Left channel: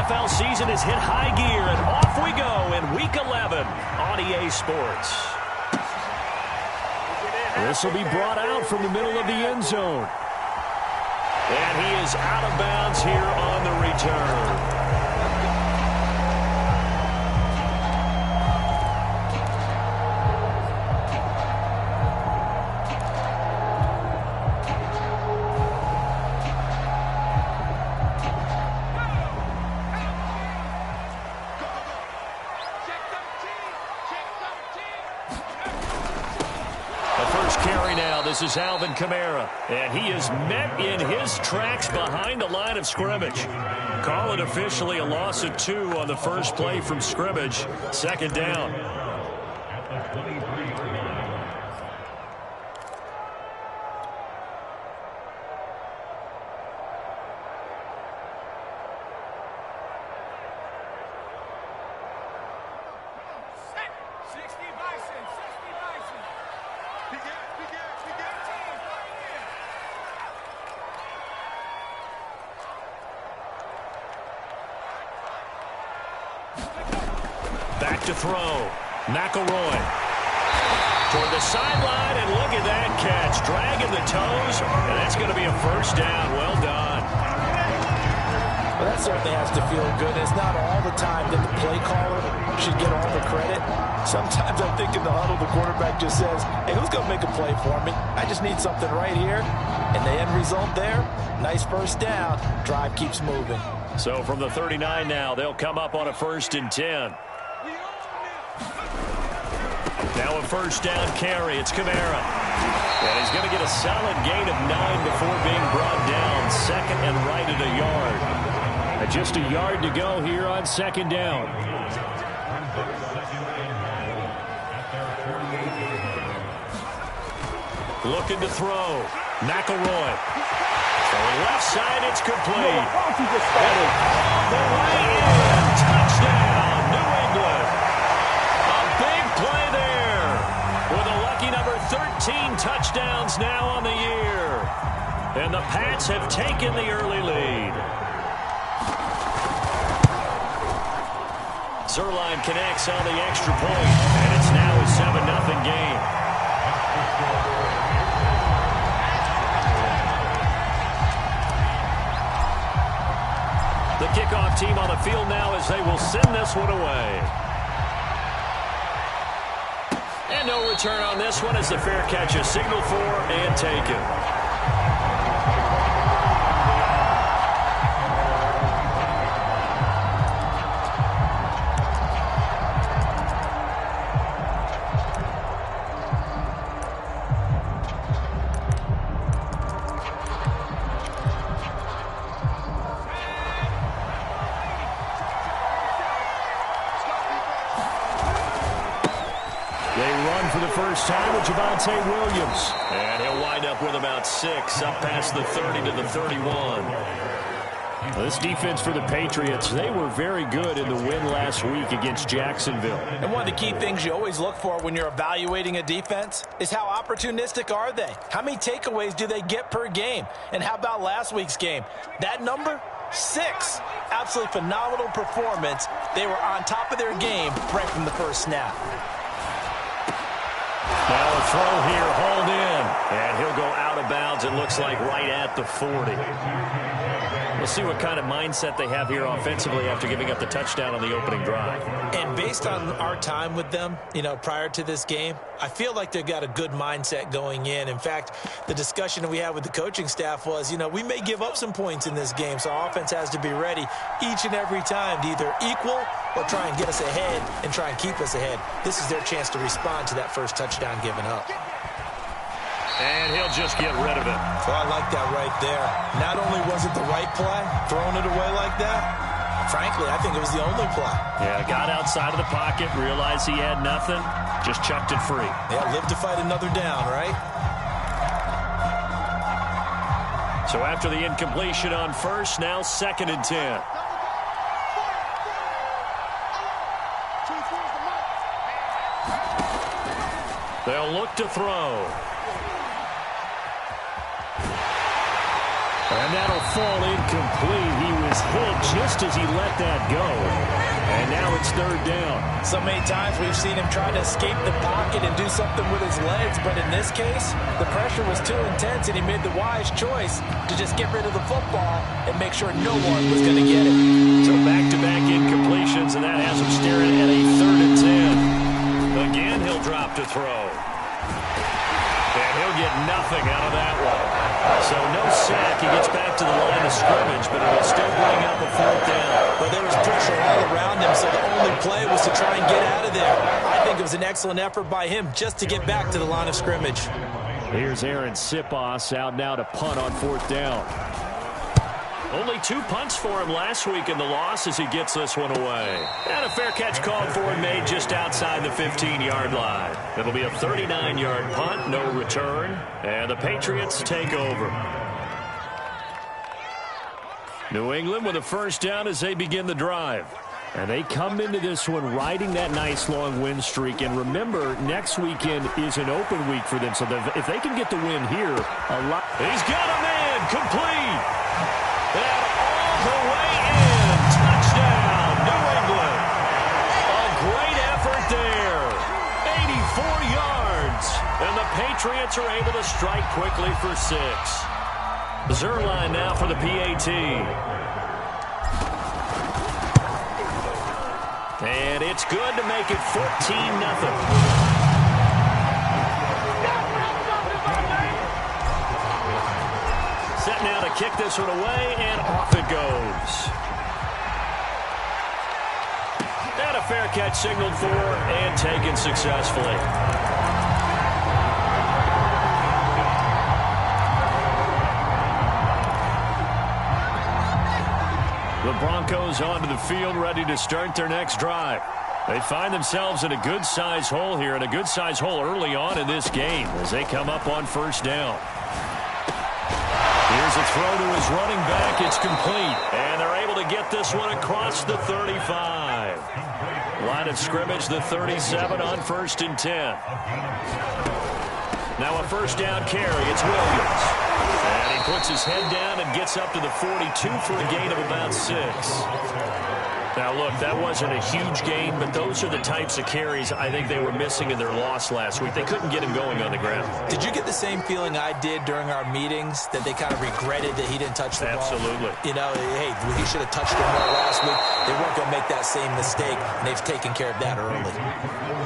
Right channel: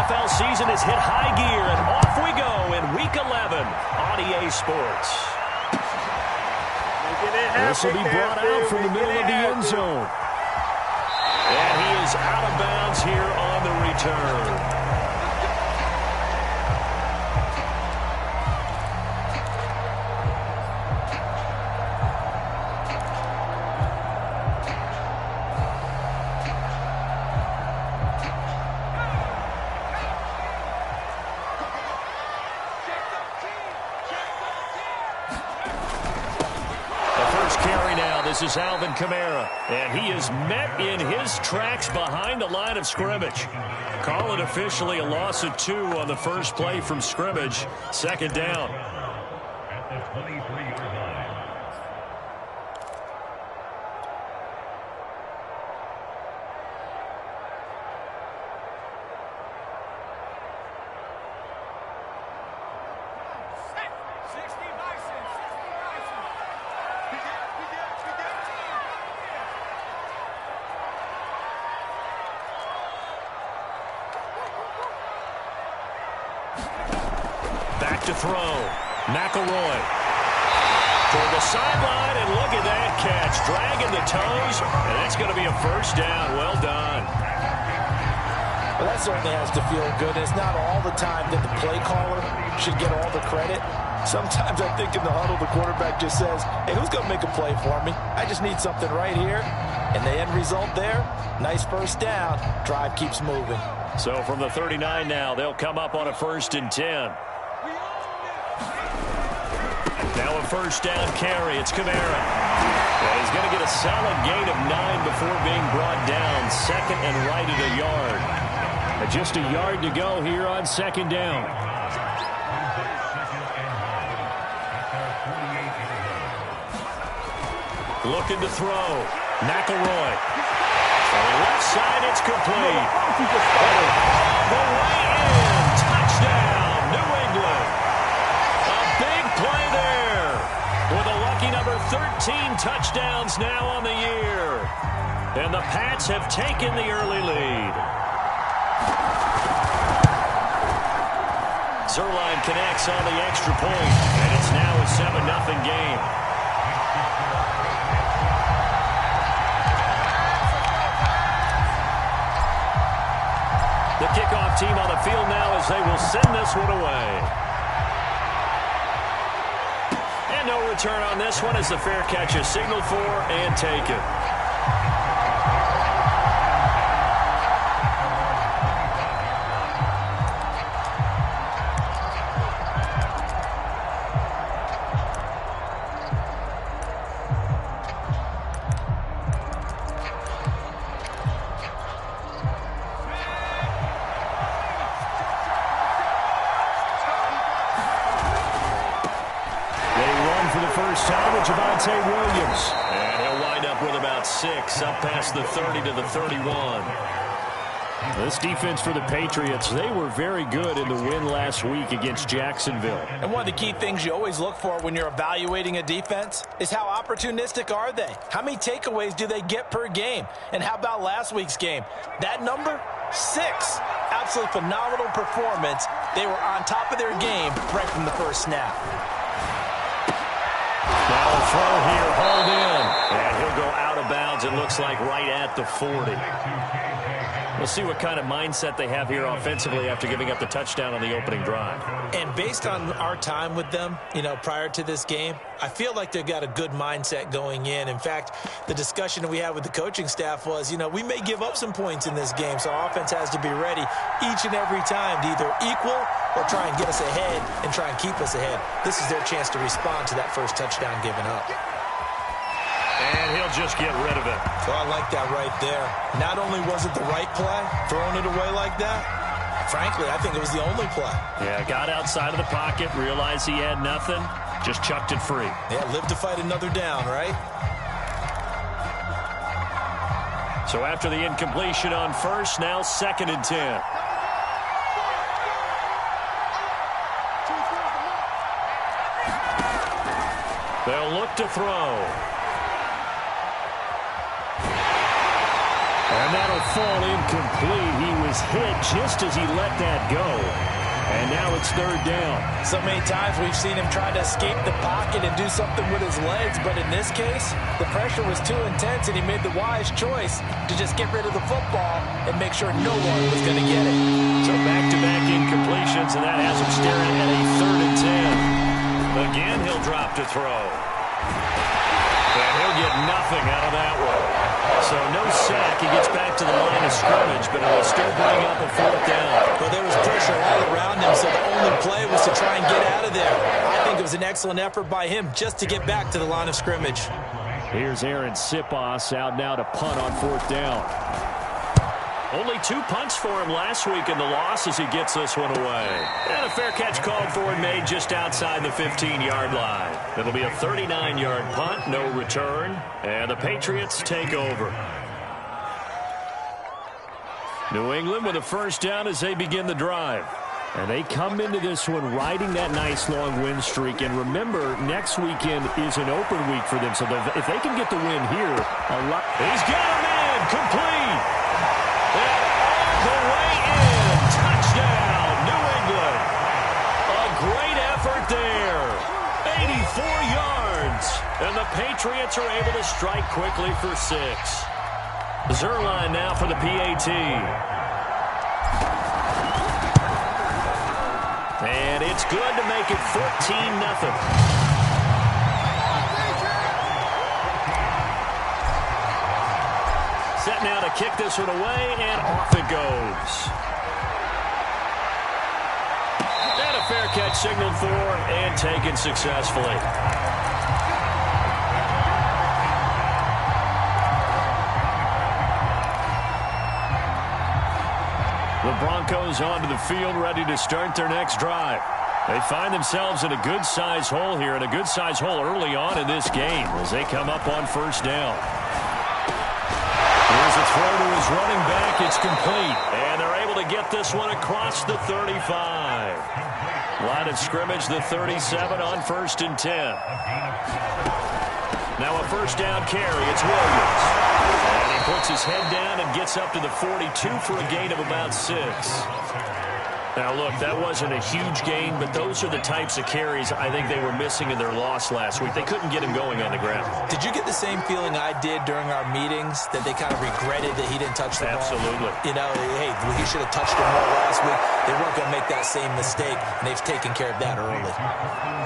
NFL season has hit high gear, and off we go in Week 11 on EA Sports. This will be brought out from the middle of the end zone. And he is out of bounds here on the return. This is Alvin Kamara, and he is met in his tracks behind the line of scrimmage. Call it officially a loss of 2 on the first play from scrimmage. Second down. At the 23-yard line. Back to throw. McElroy toward the sideline, and look at that catch. Dragging the toes, and that's going to be a first down. Well done. Well, that certainly has to feel good. It's not all the time that the play caller should get all the credit. Sometimes I think in the huddle, the quarterback just says, hey, who's going to make a play for me? I just need something right here. And the end result there, nice first down. Drive keeps moving. So from the 39 now, they'll come up on a 1st and 10. Now a first down carry. It's Kamara. And he's going to get a solid gain of 9 before being brought down. Second and right at a yard. And just a yard to go here on second down. Looking to throw. McElroy. Throwing left side, it's complete. And all the way in. Touchdown, New England. A big play there. With a lucky number 13 touchdowns now on the year. And the Pats have taken the early lead. Zerline connects on the extra point, and it's now a 7-0 game. The kickoff team on the field now as they will send this one away. And no return on this one as the fair catch is signaled for and taken. Time with Javonte Williams. And he'll wind up with about 6 up past the 30 to the 31. This defense for the Patriots, they were very good in the win last week against Jacksonville. And one of the key things you always look for when you're evaluating a defense is how opportunistic are they? How many takeaways do they get per game? And how about last week's game? That number? 6. Absolutely phenomenal performance. They were on top of their game right from the first snap. Now a throw here, hauled in, and he'll go out of bounds, it looks like right at the 40. We'll see what kind of mindset they have here offensively after giving up the touchdown on the opening drive. And based on our time with them, prior to this game, I feel like they've got a good mindset going in. In fact, the discussion that we had with the coaching staff was, we may give up some points in this game, so our offense has to be ready each and every time to either equal or try and get us ahead and try and keep us ahead. This is their chance to respond to that first touchdown given up. And he'll just get rid of it. So I like that right there. Not only was it the right play, throwing it away like that, frankly, I think it was the only play. Yeah, got outside of the pocket, realized he had nothing, just chucked it free. Yeah, live to fight another down, right? So after the incompletion on first, now 2nd and 10. They'll look to throw. And that'll fall incomplete. He was hit just as he let that go. And now it's third down. So many times we've seen him try to escape the pocket and do something with his legs, but in this case, the pressure was too intense, and he made the wise choice to just get rid of the football and make sure no one was going to get it. So back-to-back incompletions, and that has him staring at a 3rd and 10. Again, he'll drop to throw. And he'll get nothing out of that one. So no sack. He gets back to the line of scrimmage, but it will still bring up a 4th down. But there was pressure all around him, so the only play was to try and get out of there. I think it was an excellent effort by him just to get back to the line of scrimmage. Here's Aaron Sipos out now to punt on 4th down. Only 2 punts for him last week in the loss as he gets this one away. And a fair catch called for and made just outside the 15-yard line. It'll be a 39-yard punt, no return, and the Patriots take over. New England with a 1st down as they begin the drive. And they come into this one riding that nice long win streak. And remember, next weekend is an open week for them. So if they can get the win here, a lot. He's got a man complete. And all the way in. Touchdown, New England. A great effort there. 84 yards. And the Patriots are able to strike quickly for 6. Zerline now for the PAT. And it's good to make it 14-0. Set now to kick this one away, and off it goes. And a fair catch signaled for and taken successfully. The Broncos onto the field, ready to start their next drive. They find themselves in a good-sized hole here, and a good-sized hole early on in this game as they come up on 1st down. Here's a throw to his running back. It's complete. And they're able to get this one across the 35. Line of scrimmage, the 37 on 1st and 10. Now a 1st down carry. It's Williams. And he puts his head down and gets up to the 42 for a gain of about 6. Now, look, that wasn't a huge gain, but those are the types of carries I think they were missing in their loss last week. They couldn't get him going on the ground. Did you get the same feeling I did during our meetings, that they kind of regretted that he didn't touch the ball? Absolutely. You know, hey, he should have touched it more last week. They weren't going to make that same mistake, and they've taken care of that early.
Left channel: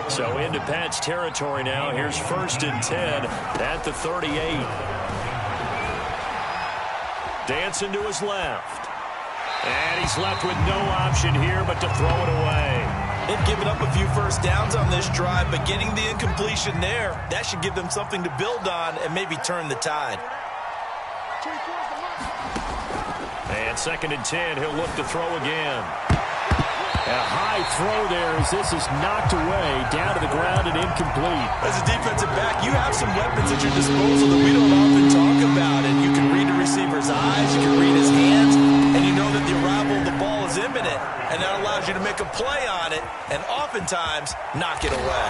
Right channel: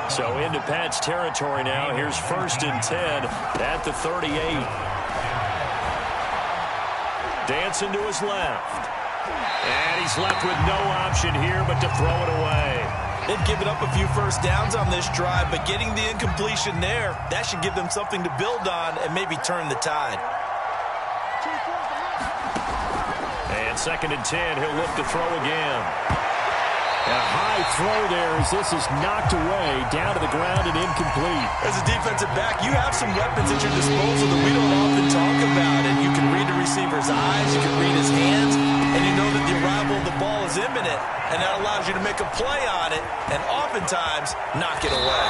So into Pat's territory now. Here's 1st and 10 at the 38. Dancing to his left. And he's left with no option here but to throw it away. They've given up a few 1st downs on this drive, but getting the incompletion there, that should give them something to build on and maybe turn the tide. And 2nd and 10, he'll look to throw again. And a high throw there as this is knocked away, down to the ground and incomplete. As a defensive back, you have some weapons at your disposal that we don't often talk about. And you can read the receiver's eyes, you can read his hands, and you know that the arrival of the ball is imminent. And that allows you to make a play on it and oftentimes knock it away.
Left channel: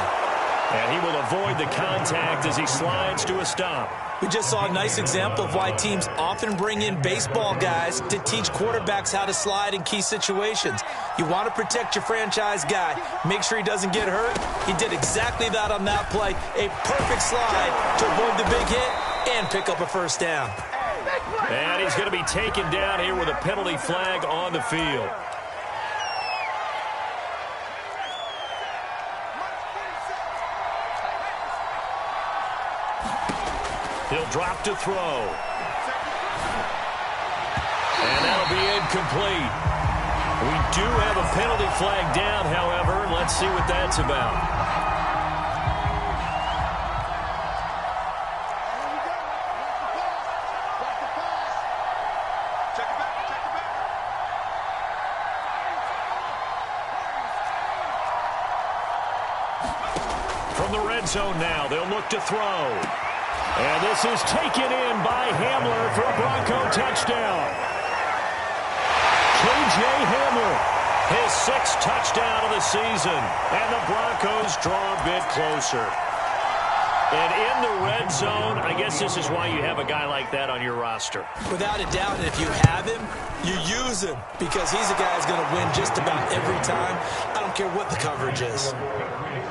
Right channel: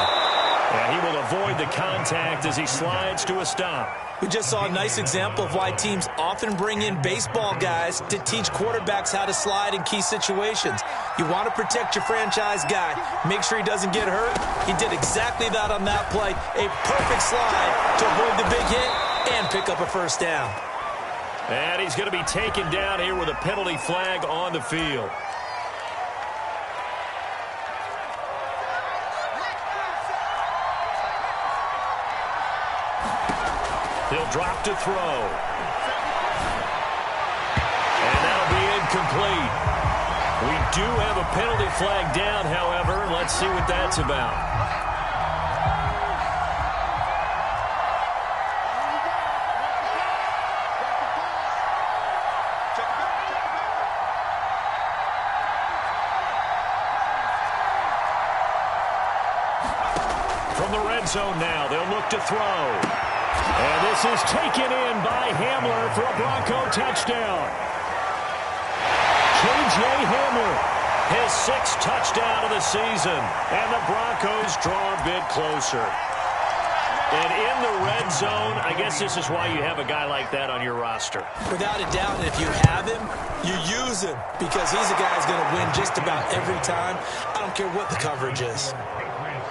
And he will avoid the contact as he slides to a stop. We just saw a nice example of why teams often bring in baseball guys to teach quarterbacks how to slide in key situations. You want to protect your franchise guy. Make sure he doesn't get hurt. He did exactly that on that play. A perfect slide to avoid the big hit and pick up a 1st down. And he's going to be taken down here with a penalty flag on the field. He'll drop to throw. And that'll be incomplete. We do have a penalty flag down, however. Let's see what that's about. From the red zone now, they'll look to throw. And this is taken in by Hamler for a Bronco touchdown. K.J. Hamler, his 6th touchdown of the season. And the Broncos draw a bit closer. And in the red zone, I guess this is why you have a guy like that on your roster. Without a doubt, and if you have him, you use him because he's a guy who's going to win just about every time. I don't care what the coverage is.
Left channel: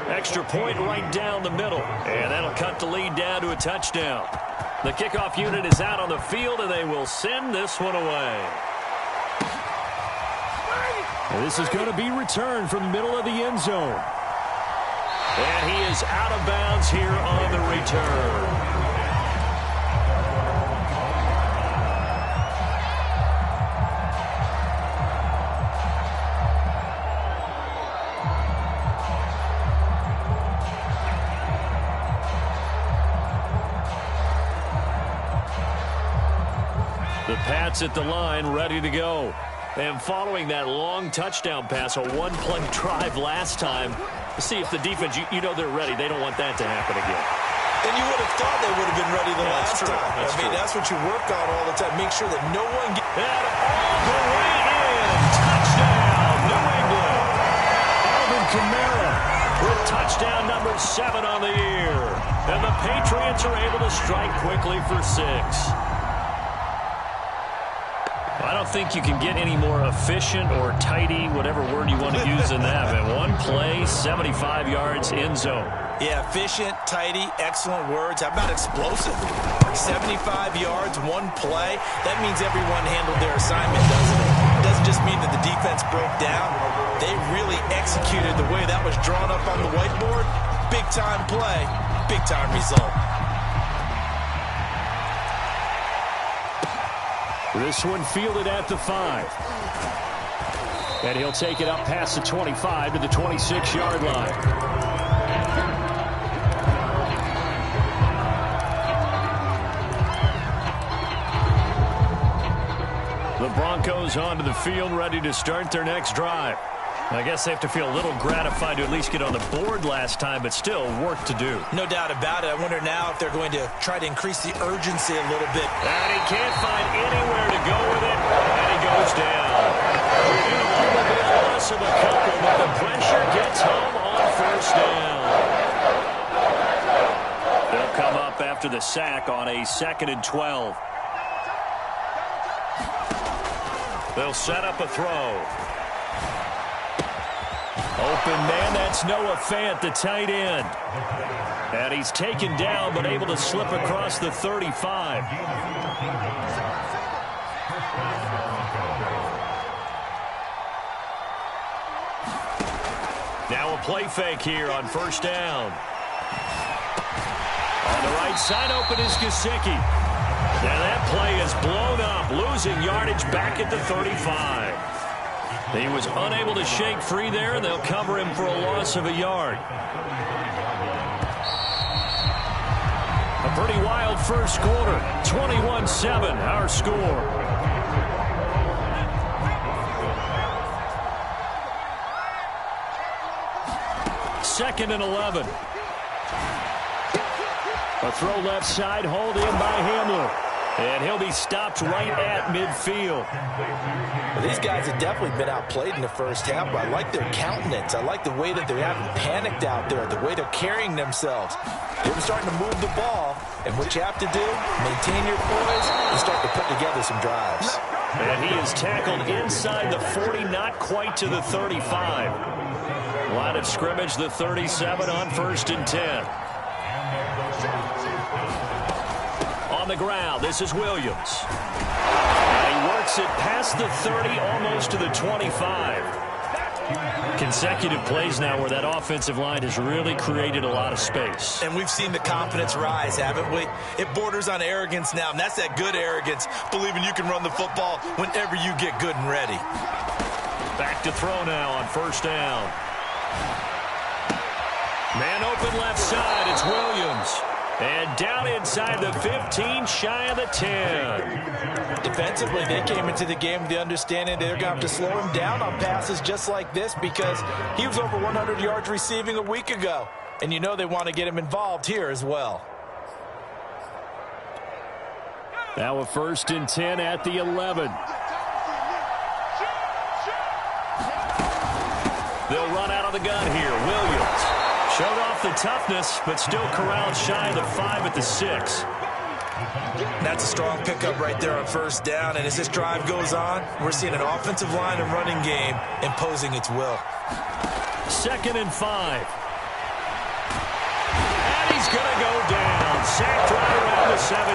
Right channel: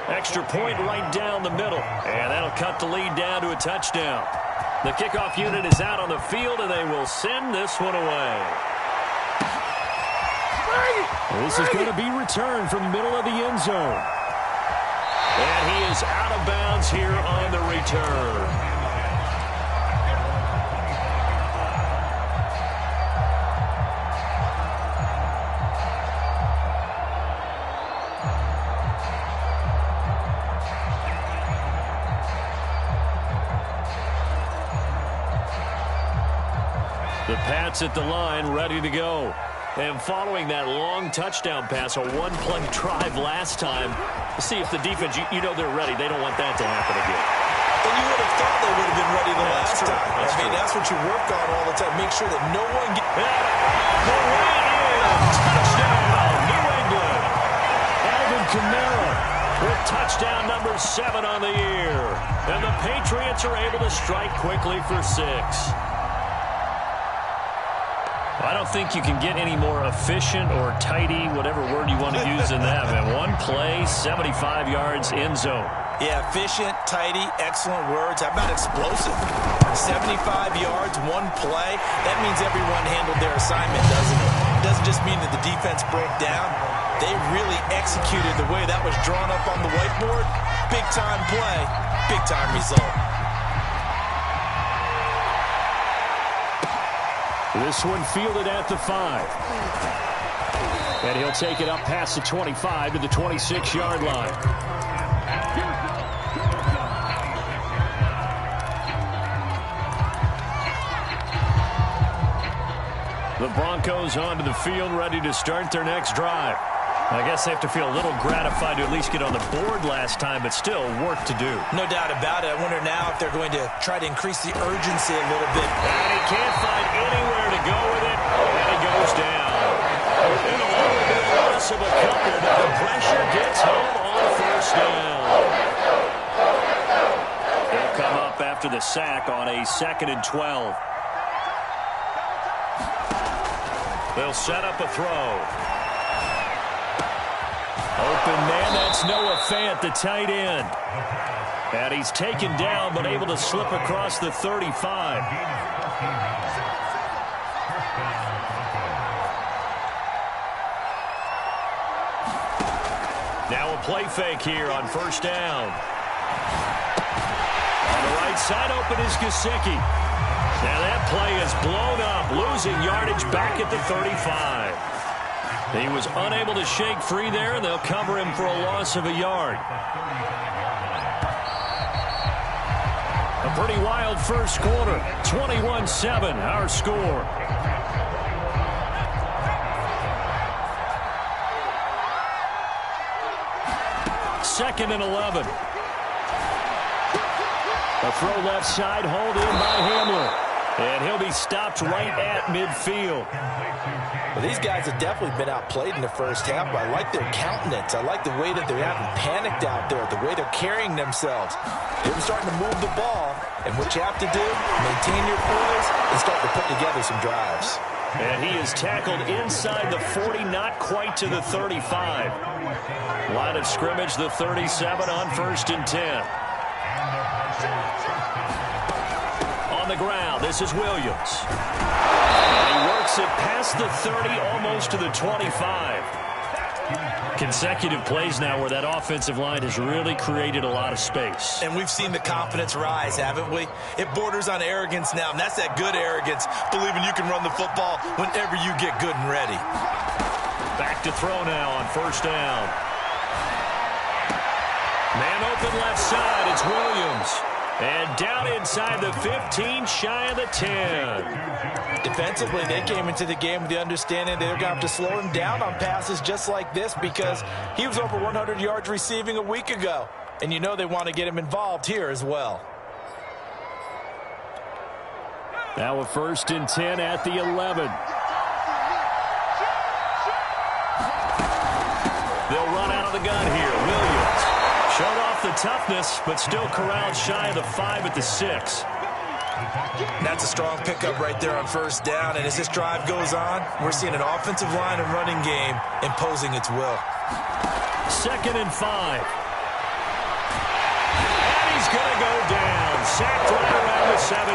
Extra point right down the middle, and that'll cut the lead down to a touchdown. The kickoff unit is out on the field, and they will send this one away. This is going to be returned from the middle of the end zone. And he is out of bounds here on the return. The Pats at the line, ready to go. And following that long touchdown pass, a one-play drive last time, see if the defense, you know they're ready. They don't want that to happen again. And you would have thought they would have been ready the last time. That's what you work on all the time. Make sure that no one gets... And all the way in. Touchdown, New England. Alvin Kamara with touchdown number 7 on the year. And the Patriots are able to strike quickly for 6. I don't think you can get any more efficient or tidy, whatever word you want to use in that. Man, one play, 75 yards, end zone. Yeah, efficient, tidy, excellent words. How about explosive? 75 yards, one play. That means everyone handled their assignment, doesn't it? It doesn't just mean that the defense broke down. They really executed the way that was drawn up on the whiteboard. Big-time play, big-time result. This one fielded at the 5. And he'll take it up past the 25 to the 26-yard line. The Broncos onto the field, ready to start their next drive. I guess they have to feel a little gratified to at least get on the board last time, but still work to do. No doubt about it. I wonder now if they're going to try to increase the urgency a little bit. And he can't find anywhere to go with it, and he goes down. It'll only be a loss of a couple, but the pressure gets home on first down. They'll come up after the sack on a 2nd and 12. They'll set up a throw. Open man, that's Noah Fant, the tight end. And he's taken down, but able to slip across the 35. Now a play fake here on first down. On the right side, open is Gesicki. Now that play is blown up, losing yardage back at the 35. He was unable to shake free there, and they'll cover him for a loss of a yard. A pretty wild first quarter. 21-7, our score. Second and 11. A throw left side, hauled in by Hamler. And he'll be stopped right at midfield. Well, these guys have definitely been outplayed in the first half, but I like their countenance. I like the way that they haven't panicked out there, the way they're carrying themselves. They're starting to move the ball, and what you have to do, maintain your poise and start to put together some drives. And he is tackled inside the 40, not quite to the 35. Line of scrimmage, the 37 on 1st and 10. On the ground, this is Williams. And he works it past the 30, almost to the 25. Consecutive plays now where that offensive line has really created a lot of space. And we've seen the confidence rise, haven't we? It borders on arrogance now, and that's that good arrogance, believing you can run the football whenever you get good and ready. Back to throw now on first down. Man open left side, it's Williams. And down inside the 15, shy of the 10. Defensively, they came into the game with the understanding they're going to have to slow him down on passes just like this because he was over 100 yards receiving a week ago. And you know they want to get him involved here as well. Now a 1st and 10 at the 11. They'll run out of the gun here. Williams Showed off the toughness, but still corralled shy of the 5 at the 6. That's a strong pickup right there on first down, and as this drive goes on, we're seeing an offensive line and running game imposing its will. 2nd and 5. And he's going to go down. Sacked right around the 17.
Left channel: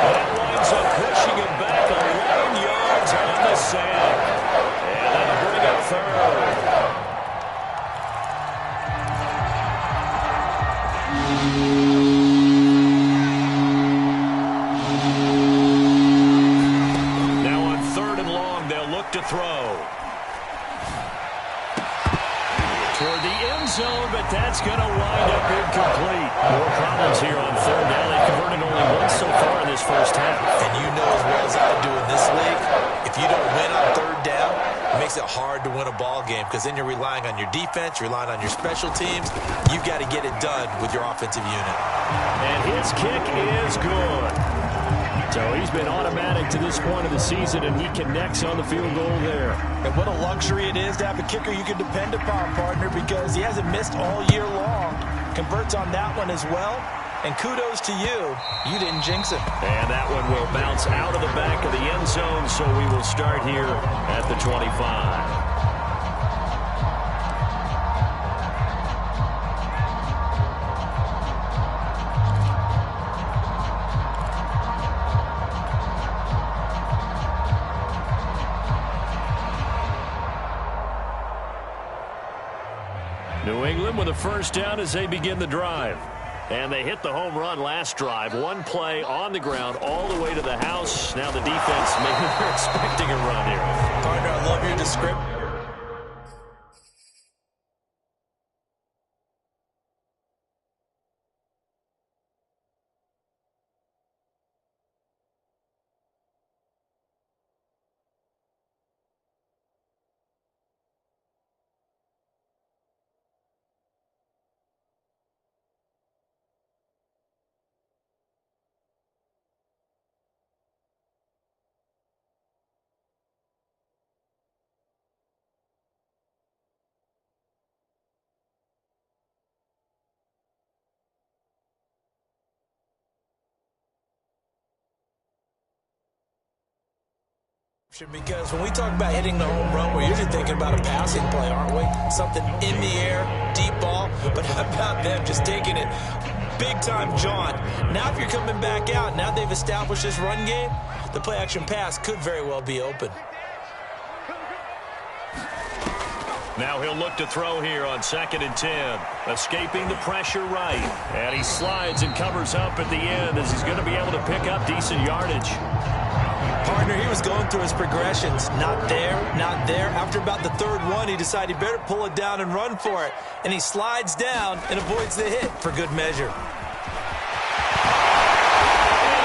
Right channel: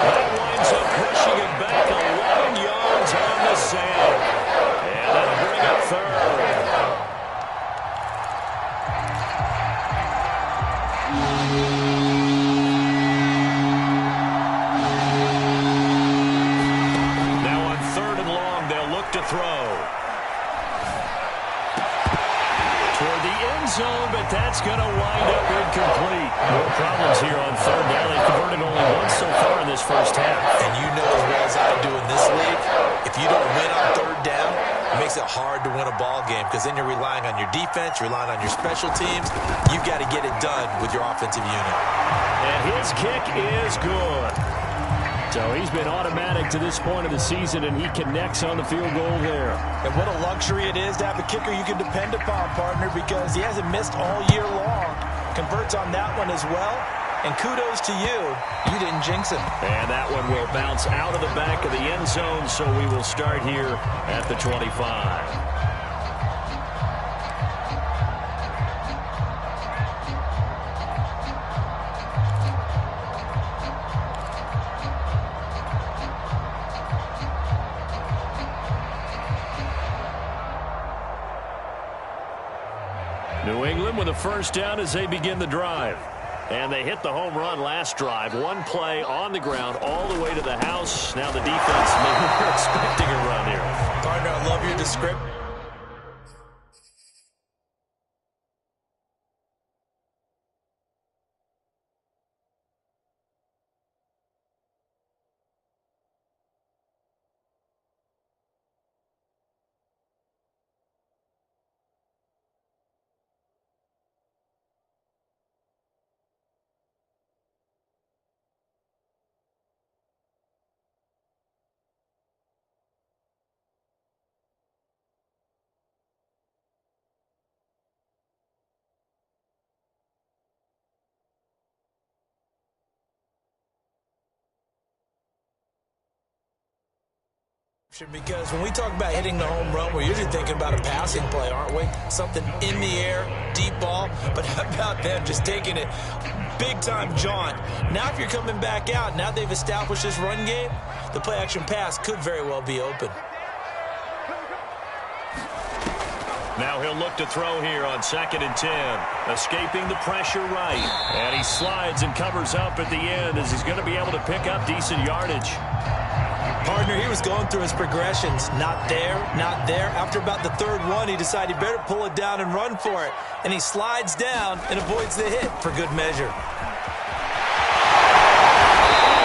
That winds up pushing him back 11 yards on the sack. And that'll bring up 3rd. Now on 3rd and long, they'll look to throw. Toward the end zone, but that's going to wind up incomplete. More problems here on 3rd down. They've converted only once so far in this first half. And you know as well as I do in this league, if you don't win on 3rd down, it makes it hard to win a ball game because then you're relying on your defense, you're relying on your special teams. You've got to get it done with your offensive unit. And his kick is good. So he's been automatic to this point of the season, and he connects on the field goal there. And what a luxury it is to have a kicker you can depend upon, partner, because he hasn't missed all year long. Converts on that one as well. And kudos to you. You didn't jinx him. And that one will bounce out of the back of the end zone, so we will start here at the 25. New England with a first down as they begin the drive. And they hit the home run last drive. One play on the ground all the way to the house. Now the defense, maybe they're expecting a run here. Partner, I love your description. Because when we talk about hitting the home run, we're usually thinking about a passing play, aren't we? Something in the air, deep ball. But how about them just taking it big-time jaunt? Now if you're coming back out, now they've established this run game, the play-action pass could very well be open. Now he'll look to throw here on 2nd and 10. Escaping the pressure right. And he slides and covers up at the end as he's going to be able to pick up decent yardage. Partner, he was going through his progressions. Not there, not there. After about the 3rd one, he decided he better pull it down and run for it. And he slides down and avoids the hit for good measure. And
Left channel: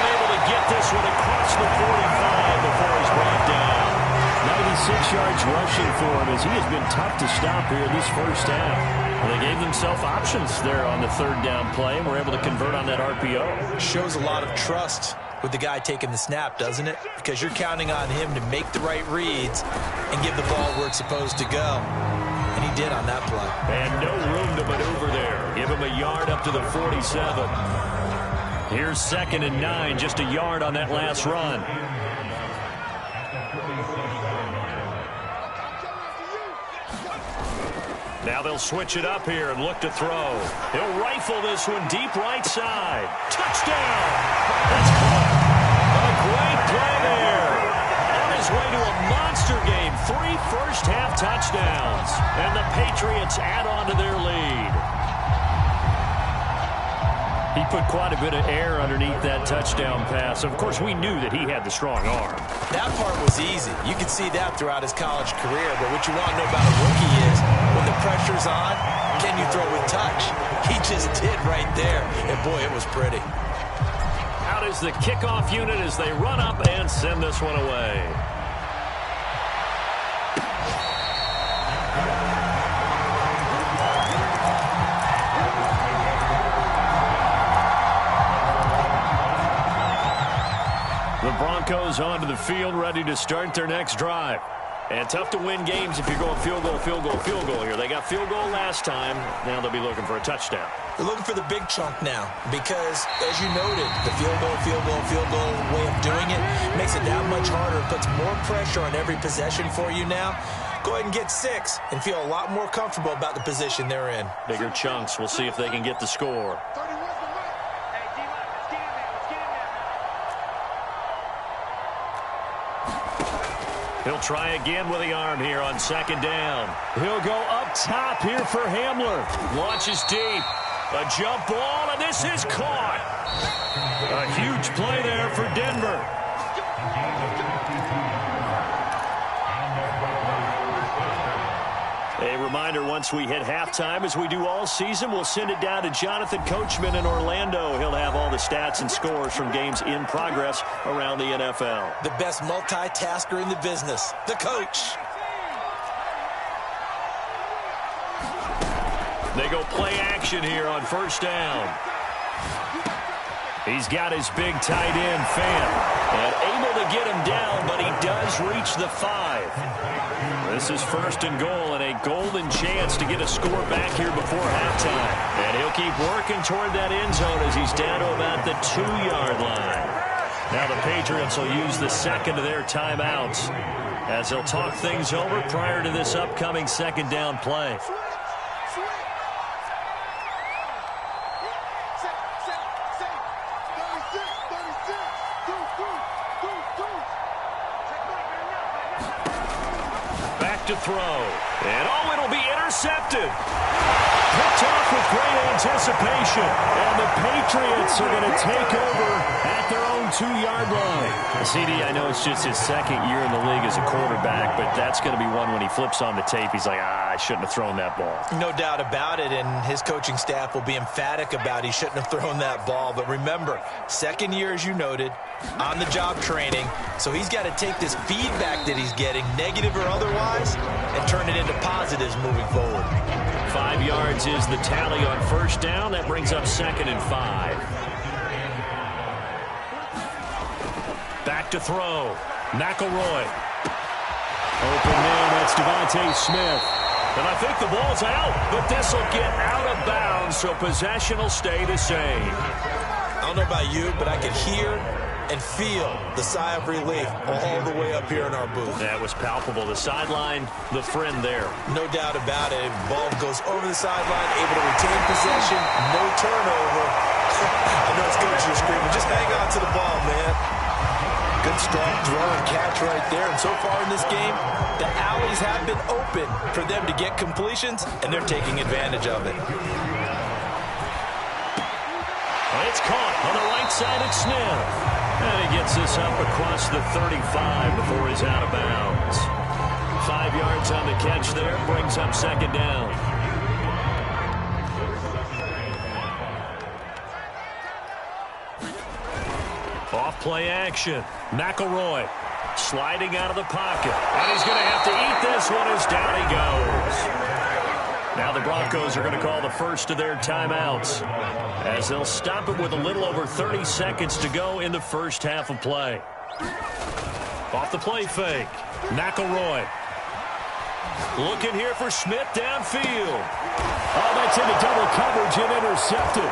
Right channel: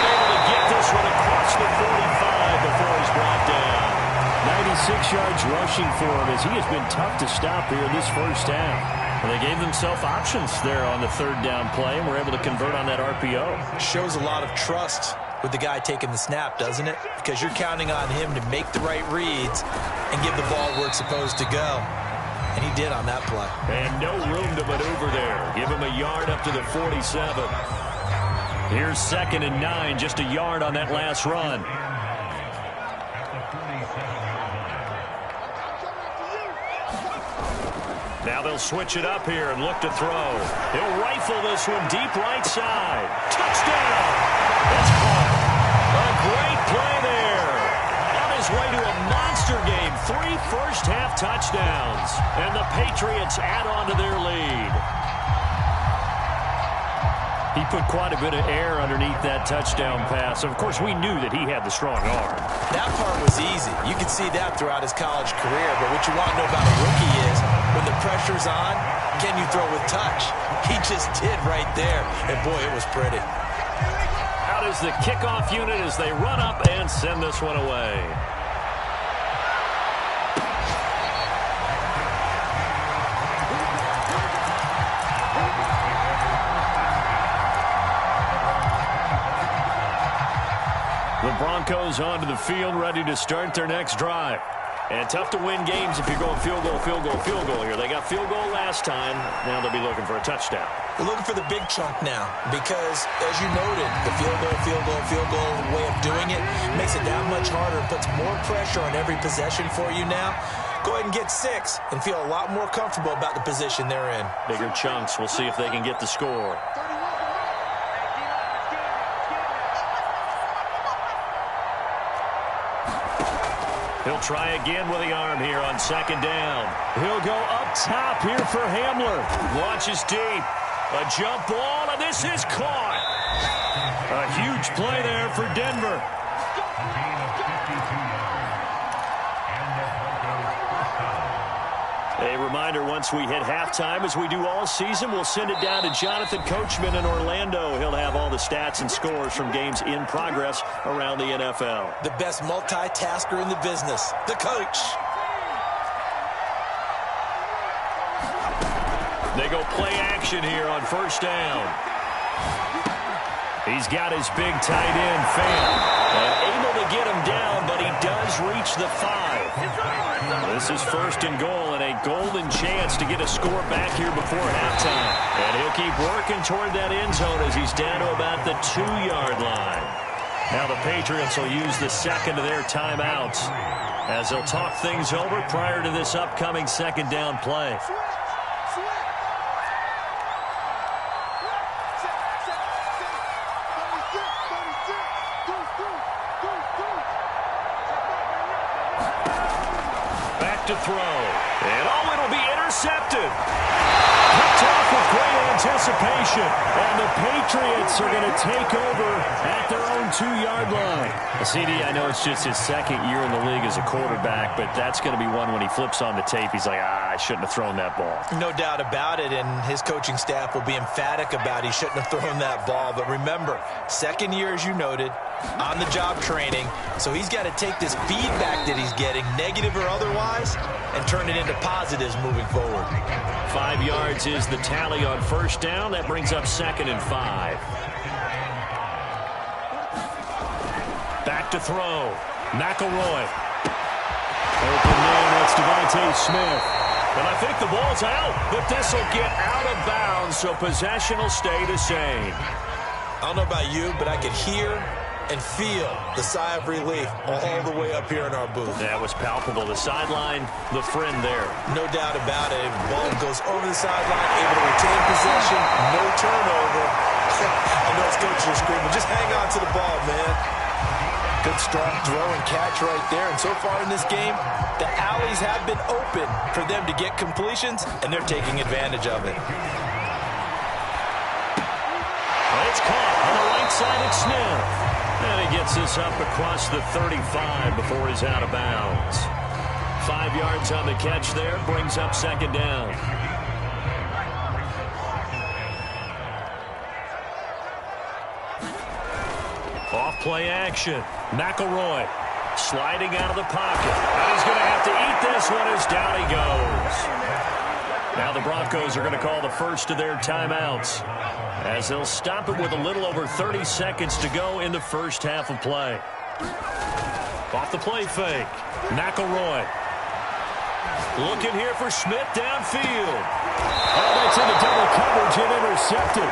able to get this one across the 45 before he's brought down. 96 yards rushing for him as he has been tough to stop here in this first half. Well, they gave themselves options there on the 3rd down play and were able to convert on that RPO. Shows a lot of trust with the guy taking the snap, doesn't it? Because you're counting on him to make the right reads and give the ball where it's supposed to go. And he did on that play. And no room to maneuver there. Give him a yard up to the 47. Here's 2nd and 9, just a yard on that last run. Now they'll switch it up here and look to throw. He'll rifle this one deep right side. Touchdown! That's caught. A great play there. On his way to a monster game. 3 first-half touchdowns. And the Patriots add on to their lead. He put quite a bit of air underneath that touchdown pass. Of course, we knew that he had the strong arm. That part was easy. You could see that throughout his college career. But what you want to know about a rookie is when the pressure's on, can you throw with touch? He just did right there. And, boy, it was pretty. Out is the kickoff unit as they run up and send this one away. The Broncos onto the field, ready to start their next drive. And tough to win games if you're going field goal, field goal, field goal here. They got field goal last time. Now they'll be looking for a touchdown. They're looking for the big chunk now because, as you noted, the field goal, field goal, field goal way of doing it makes it that much harder and puts more pressure on every possession for you now. Go ahead and get 6 and feel a lot more comfortable about the position they're in. Bigger chunks. We'll see if they can get the score. He'll try again with the arm here on second down. He'll go up top here for Hamler. Launches deep. A jump ball, and this is caught. A huge play there for Denver. A reminder, once we hit halftime, as we do all season, we'll send it down to Jonathan Coachman in Orlando. He'll have all the stats and scores from games in progress around the NFL. The best multitasker in the business, the coach. They go play action here on first down. He's got his big tight end, Fan, and able to get him down, but he does reach the 5. This is first and goal, and a golden chance to get a score back here before halftime. And he'll keep working toward that end zone as he's down to about the 2-yard line. Now the Patriots will use the second of their timeouts as they'll talk things over prior to this upcoming second down play. To throw, and it'll be intercepted. Picked off with great anticipation, and the Patriots are going to take over at their own 2-yard line. CD, I know it's just his second year in the league as a quarterback, but that's going to be one when he flips on the tape, he's like, I shouldn't have thrown that ball. No doubt about it, and his coaching staff will be emphatic about he shouldn't have thrown that ball. But remember, second year, as you noted, on-the-job training, so he's got to take this feedback that he's getting, negative or otherwise, and turn it into positives moving forward. 5 yards is the tally on first down. That brings up 2nd and 5. Back to throw. McElroy. Open man, that's Devontae Smith. And I think the ball's out, but this will get out of bounds, so possession will stay the same. I don't know about you, but I could hear and feel the sigh of relief all the way up here in our booth. That was palpable. The sideline, the friend there. No doubt about it. Ball goes over the sideline, able to retain possession, no turnover. I know his coach is screaming, just hang on to the ball, man. Good strong throw and catch right there. And so far in this game, the alleys have been open for them to get completions, and they're taking advantage of it. Well, it's caught on the right side of Smith. And he gets this up across the 35 before he's out of bounds. 5 yards on the catch there, brings up second down. Off play action. McElroy sliding out of the pocket. And he's going to have to eat this one as down he goes. Now the Broncos are going to call the first of their timeouts, as they'll stop it with a little over 30 seconds to go in the first half of play. Off the play fake. McElroy. Looking here for Smith downfield. Oh, that's into double coverage and intercepted.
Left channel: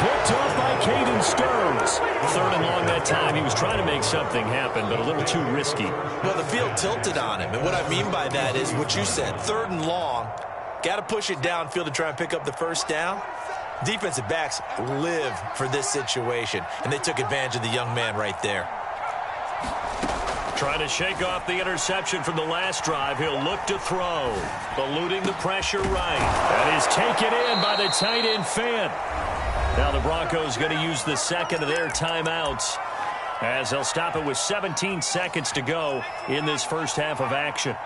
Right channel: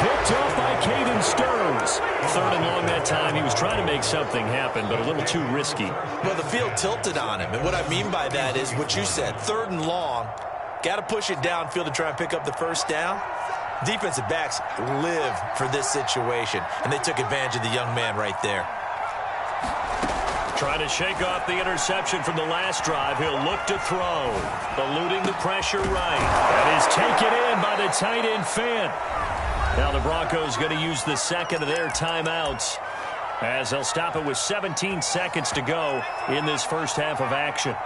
Picked off by Caden Stearns. 3rd and long that time. He was trying to make something happen, but a little too risky. Well, the field tilted on him, and what I mean by that is what you said. 3rd and long. Got to push it downfield to try and pick up the first down. Defensive backs live for this situation, and they took advantage of the young man right there. Trying to shake off the interception from the last drive. He'll look to throw. Eluding the pressure right. That is taken in by the tight end Fan. Now the Broncos going to use the second of their timeouts, as they'll stop it with 17 seconds to go in this first half of action.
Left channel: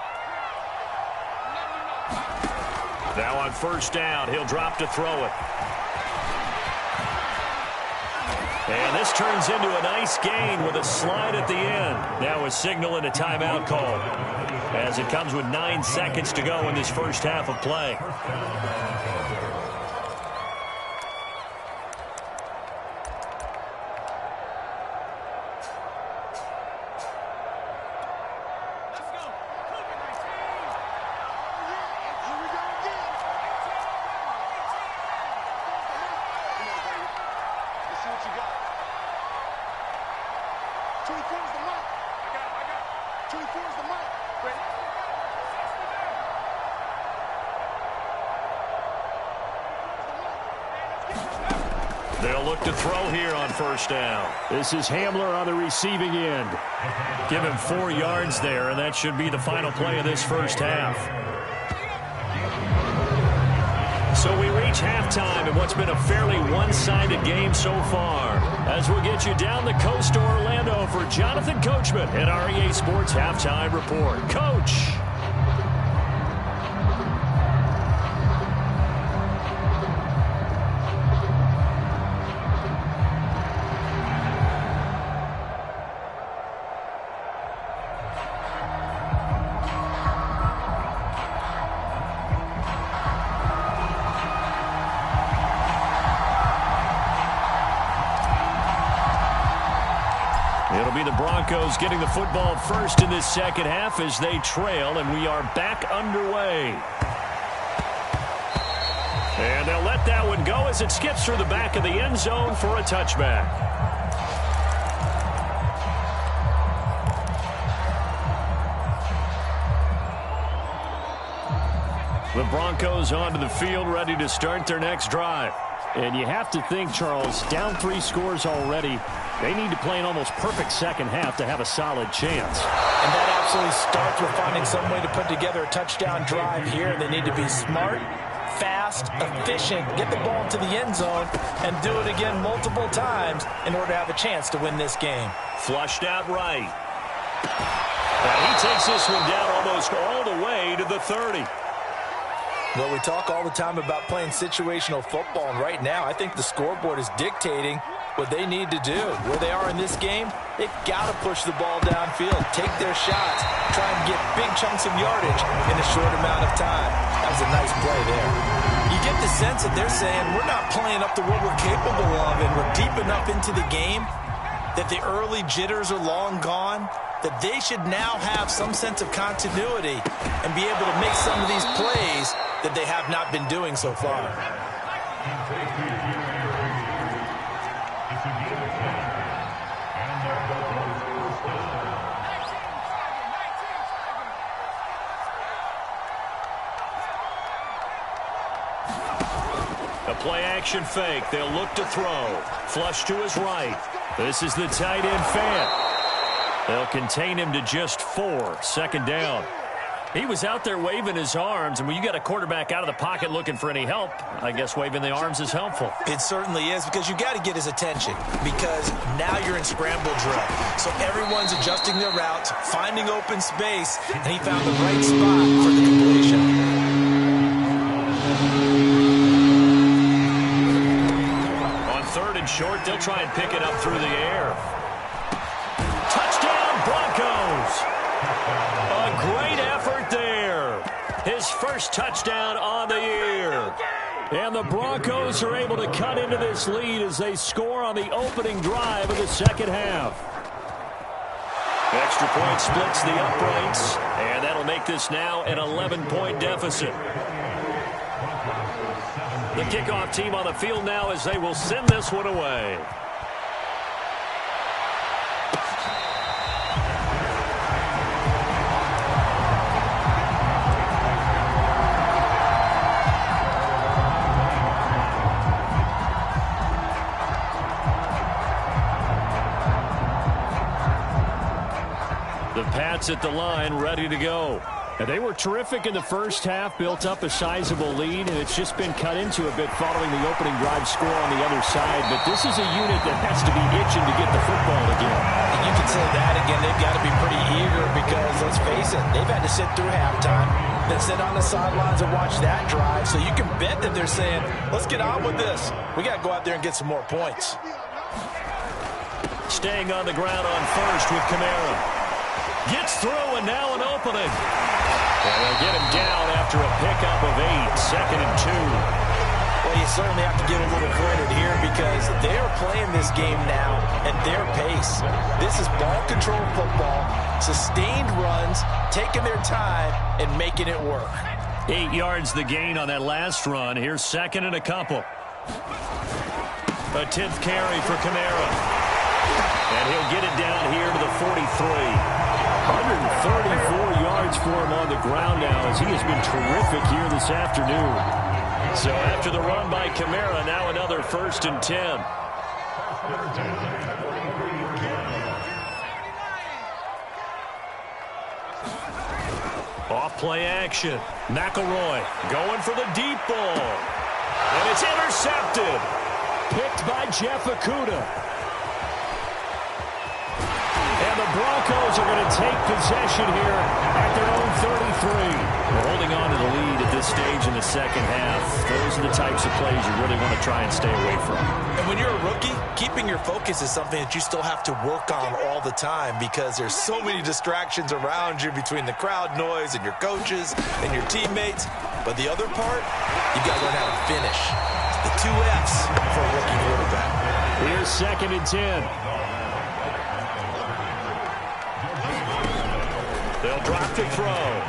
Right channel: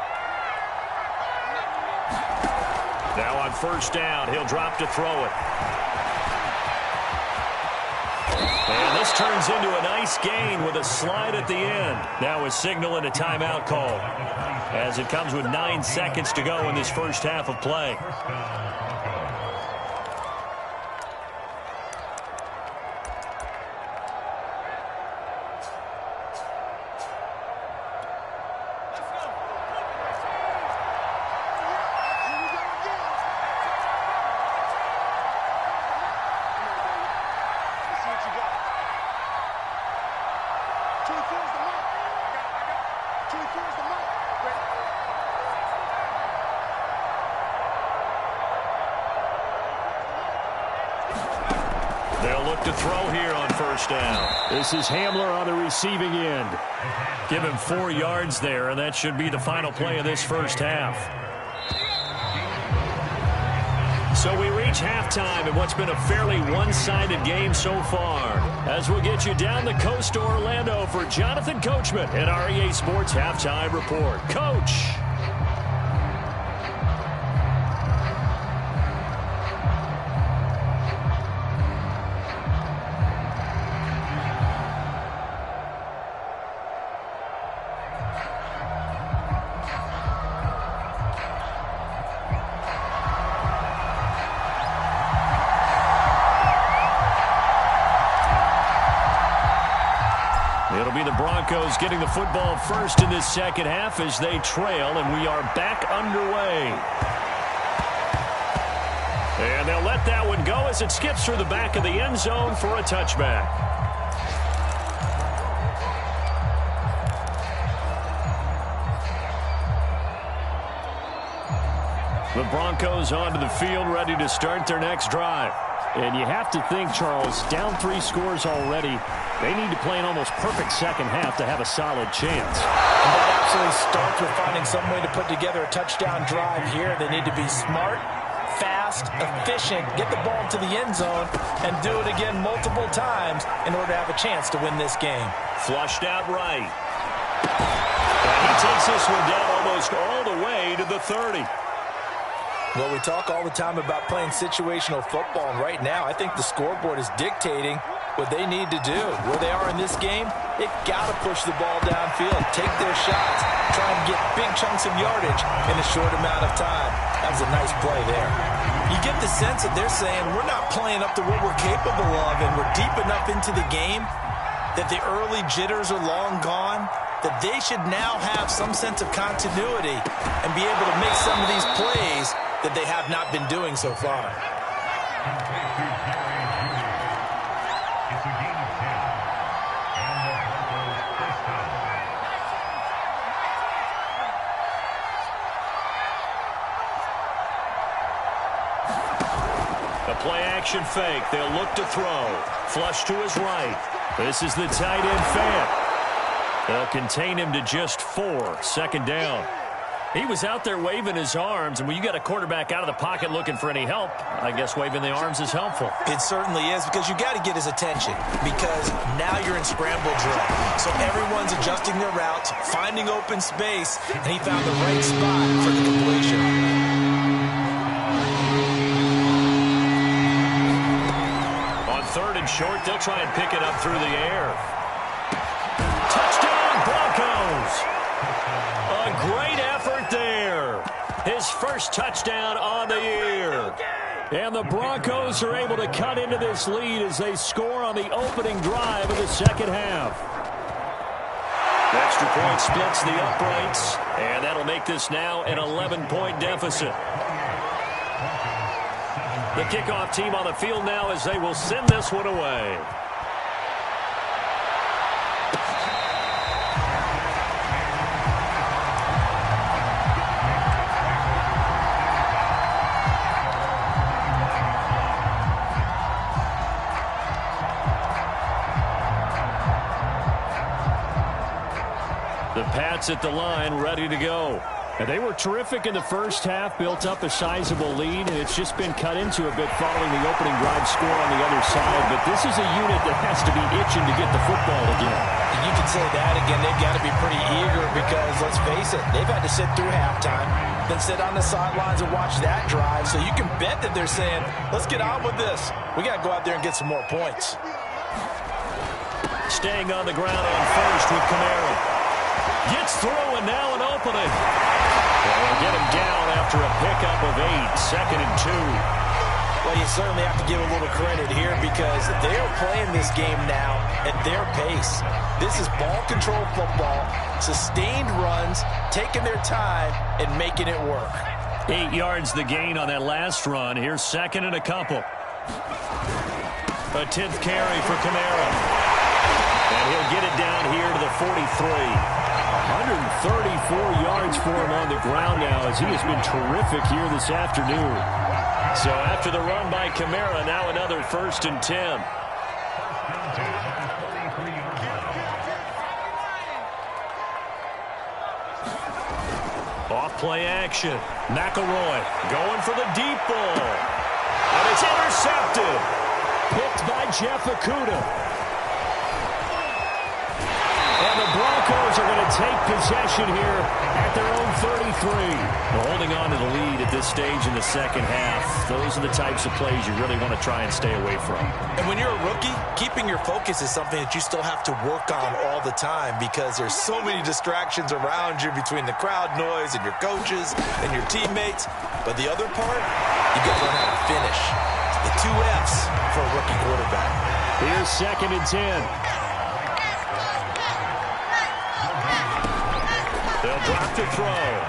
Now on first down, he'll drop to throw it. And this turns into a nice gain with a slide at the end. Now a signal and a timeout call, as it comes with 9 seconds to go in this first half of play. They'll look to throw here on first down. This is Hamler on the receiving end. Give him 4 yards there, and that should be the final play of this first half. So we reach halftime in what's been a fairly one-sided game so far. As we'll get you down the coast to Orlando for Jonathan Coachman at our EA Sports Halftime Report. Coach. It'll be the Broncos getting the football first in this second half as they trail, and we are back underway. And they'll let that one go as it skips through the back of the end zone for a touchback. The Broncos onto the field, ready to start their next drive. And you have to think, Charles, down 3 scores already. They need to play an almost perfect second half to have a solid chance. And that absolutely starts with finding some way to put together a touchdown drive here. They need to be smart, fast, efficient, get the ball into the end zone, and do it again multiple times in order to have a chance to win this game. Flushed out right. And he takes this one down almost all the way to the 30. Well, we talk all the time about playing situational football, and right now I think the scoreboard is dictating what they need to do. Where they are in this game, they've got to push the ball downfield, take their shots, try and get big chunks of yardage in a short amount of time. That was a nice play there. You get the sense that they're saying we're not playing up to what we're capable of, and we're deep enough into the game that the early jitters are long gone, that they should now have some sense of continuity and be able to make some of these plays that they have not been doing so far. It's a game of 10, and the Broncos first down. A play-action fake. They'll look to throw. Flush to his right. This is the tight end Fant. They'll contain him to just 4. Second down. He was out there waving his arms, and when you got a quarterback out of the pocket looking for any help, I guess waving the arms is helpful. It certainly is, because you got to get his attention, because now you're in scramble drill. So everyone's adjusting their routes, finding open space, and he found the right spot for the completion. On 3rd and short, they'll try and pick it up through the air. Touchdown, Broncos! A great effort there. His first touchdown on the year. And the Broncos are able to cut into this lead as they score on the opening drive of the second half. Extra point splits the uprights, and that'll make this now an 11-point deficit. The kickoff team on the field now as they will send this one away. The Pats at the line, ready to go. And they were terrific in the first half, built up a sizable lead, and it's just been cut into a bit following the opening drive score on the other side. But this is a unit that has to be itching to get the football again. And you can say that again. They've got to be pretty eager because, let's face it, they've had to sit through halftime, then sit on the sidelines and watch that drive. So you can bet that they're saying, let's get on with this. We got to go out there and get some more points. Staying on the ground on first with Kamara. Gets through, and now an opening. And they'll get him down after a pickup of 8, 2nd and 2. Well, you certainly have to give a little credit here because they are playing this game now at their pace. This is ball control football, sustained runs, taking their time, and making it work. 8 yards the gain on that last run. Here's 2nd and a couple. A 10th carry for Kamara. And he'll get it down here to the 43. 134 yards for him on the ground now as he has been terrific here this afternoon. So after the run by Kamara, now another 1st and 10. Off play action. McElroy going for the deep ball. And it's intercepted. Picked by Jeff Okudah. And the Broncos are going to take possession here at their own 33. Well, holding on to the lead at this stage in the second half, those are the types of plays you really want to try and stay away from. And when you're a rookie, keeping your focus is something that you still have to work on all the time because there's so many distractions around you between the crowd noise and your coaches and your teammates. But the other part, you got to learn how to finish. The 2 F's for a rookie quarterback. Here's 2nd and 10. They'll drop to throw.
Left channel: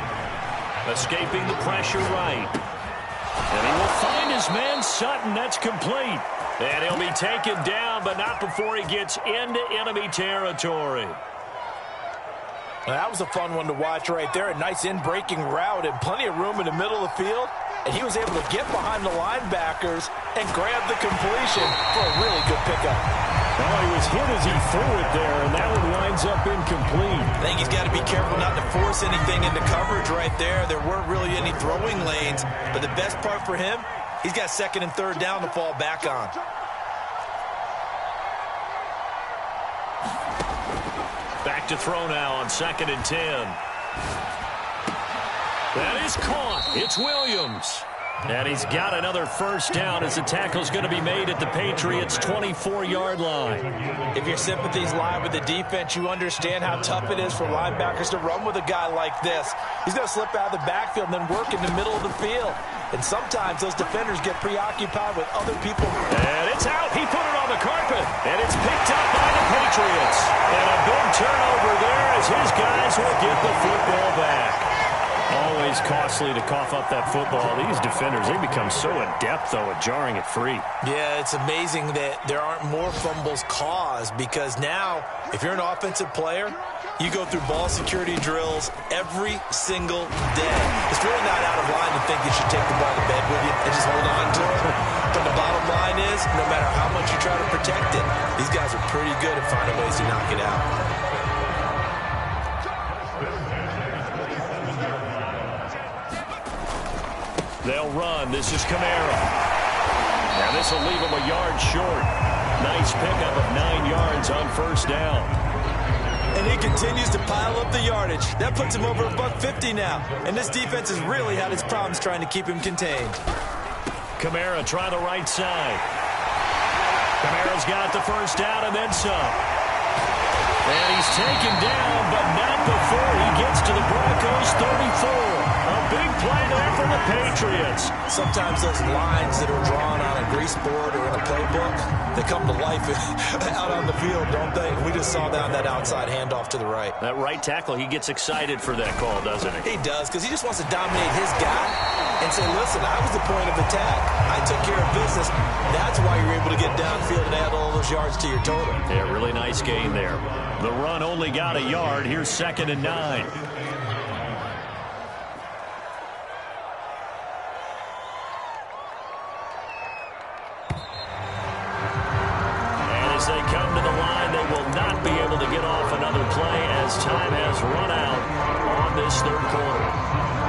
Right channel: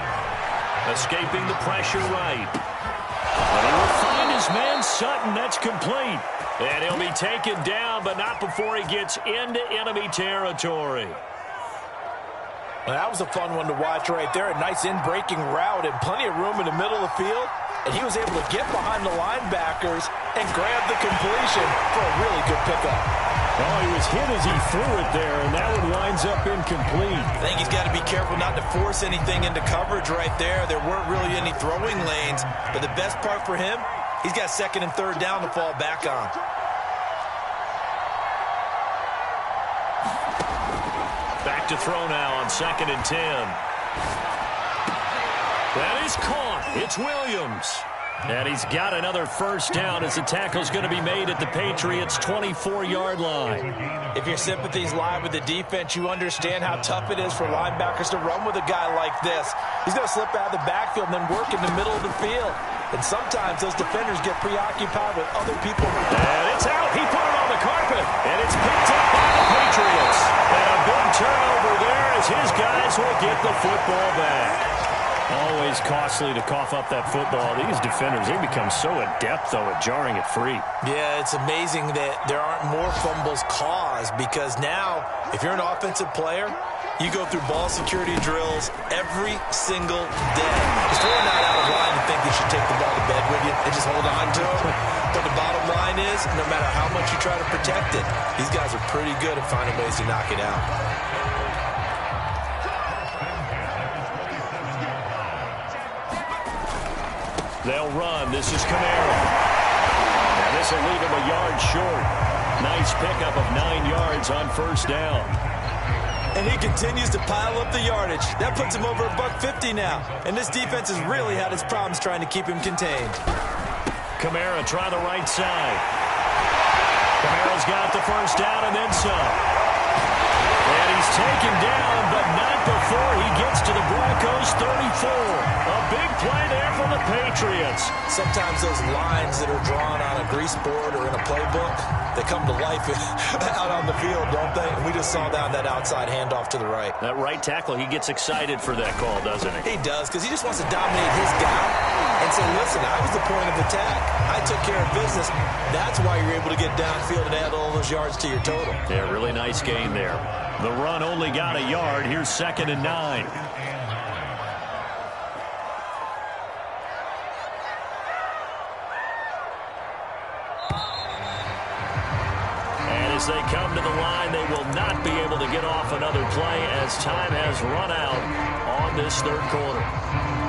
Escaping the pressure right. And he will find his man Sutton. That's complete. And he'll be taken down, but not before he gets into enemy territory. Well, that was a fun one to watch right there. A nice in-breaking route and plenty of room in the middle of the field. And he was able to get behind the linebackers and grab the completion for a really good pickup. Oh, he was hit as he threw it there, and that one winds up incomplete. I think he's got to be careful not to force anything into coverage right there. There weren't really any throwing lanes, but the best part for him, he's got 2nd and 3rd down to fall back on. Back to throw now on 2nd and 10. That is caught. It's Williams. And he's got another 1st down as the tackle's going to be made at the Patriots' 24-yard line. If your sympathies lie with the defense, you understand how tough it is for linebackers to run with a guy like this. He's going to slip out of the backfield and then work in the middle of the field. And sometimes those defenders get preoccupied with other people. And it's out. He put it on the carpet. And it's picked up by the Patriots. And a big turnover there as his guys will get the football back. Always costly to cough up that football. These defenders, they become so adept, though, at jarring it free. Yeah, it's amazing that there aren't more fumbles caused because now, if you're an offensive player, you go through ball security drills every single day. It's really not out of line to think you should take the ball to bed with you and just hold on to it. But the bottom line is, no matter how much you try to protect it, these guys are pretty good at finding ways to knock it out. They'll run. This is Kamara. Now this will leave him a yard short. Nice pickup of 9 yards on 1st down. And he continues to pile up the yardage. That puts him over $150 now. And this defense has really had its problems trying to keep him contained. Kamara try the right side. Kamara's got the 1st down and then some. And he's taken down, but not before he gets to the Broncos' 34. A big play there from the Patriots. Sometimes those lines that are drawn on a grease board or in a playbook, they come to life out on the field, don't they? And we just saw that outside handoff to the right. That right tackle, he gets excited for that call, doesn't he? He does, because he just wants to dominate his guy and say, listen, I was the point of attack. I took care of business. That's why you're able to get downfield and add all those yards to your total. Yeah, really nice gain there. The run only got a yard. Here's 2nd and 9. And as they come to the line, they will not be able to get off another play as time has run out on this 3rd quarter.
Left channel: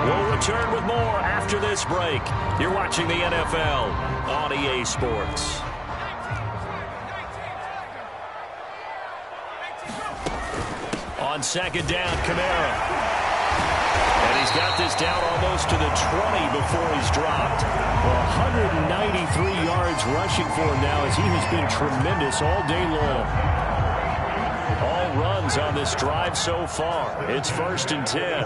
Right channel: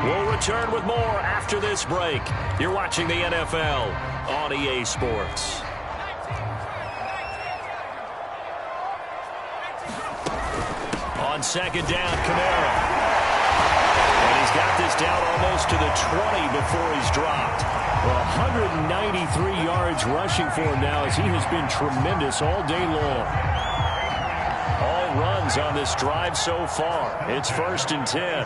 We'll return with more after this break. You're watching the NFL on EA Sports. On 2nd down, Kamara. And he's got this down almost to the 20 before he's dropped. Well, 193 yards rushing for him now as he has been tremendous all day long. All runs on this drive so far. It's 1st and 10.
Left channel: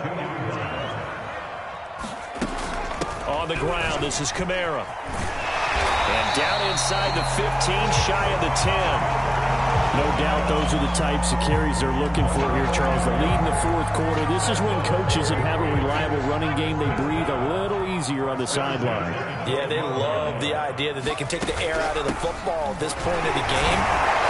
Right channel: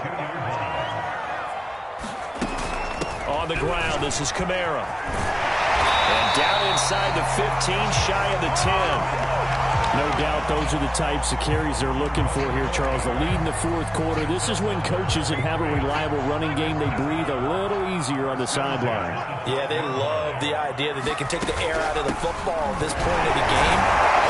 On the ground, this is Kamara. And down inside the 15, shy of the 10. No doubt those are the types of carries they're looking for here, Charles. The lead in the 4th quarter. This is when coaches that have a reliable running game, they breathe a little easier on the sideline. Yeah, they love the idea that they can take the air out of the football at this point of the game.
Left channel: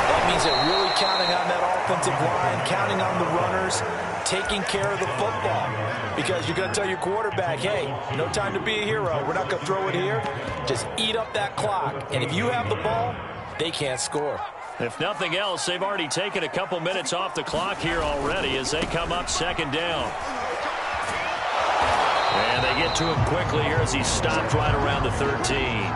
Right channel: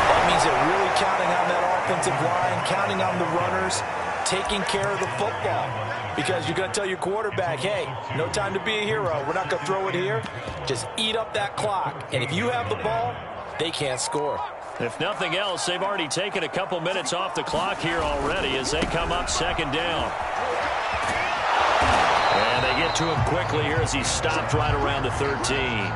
That means they're really counting on that offensive line, counting on the runners taking care of the football. Because you're going to tell your quarterback, hey, no time to be a hero. We're not going to throw it here. Just eat up that clock. And if you have the ball, they can't score. If nothing else, they've already taken a couple minutes off the clock here already as they come up second down. And they get to him quickly here as he stopped right around the 13.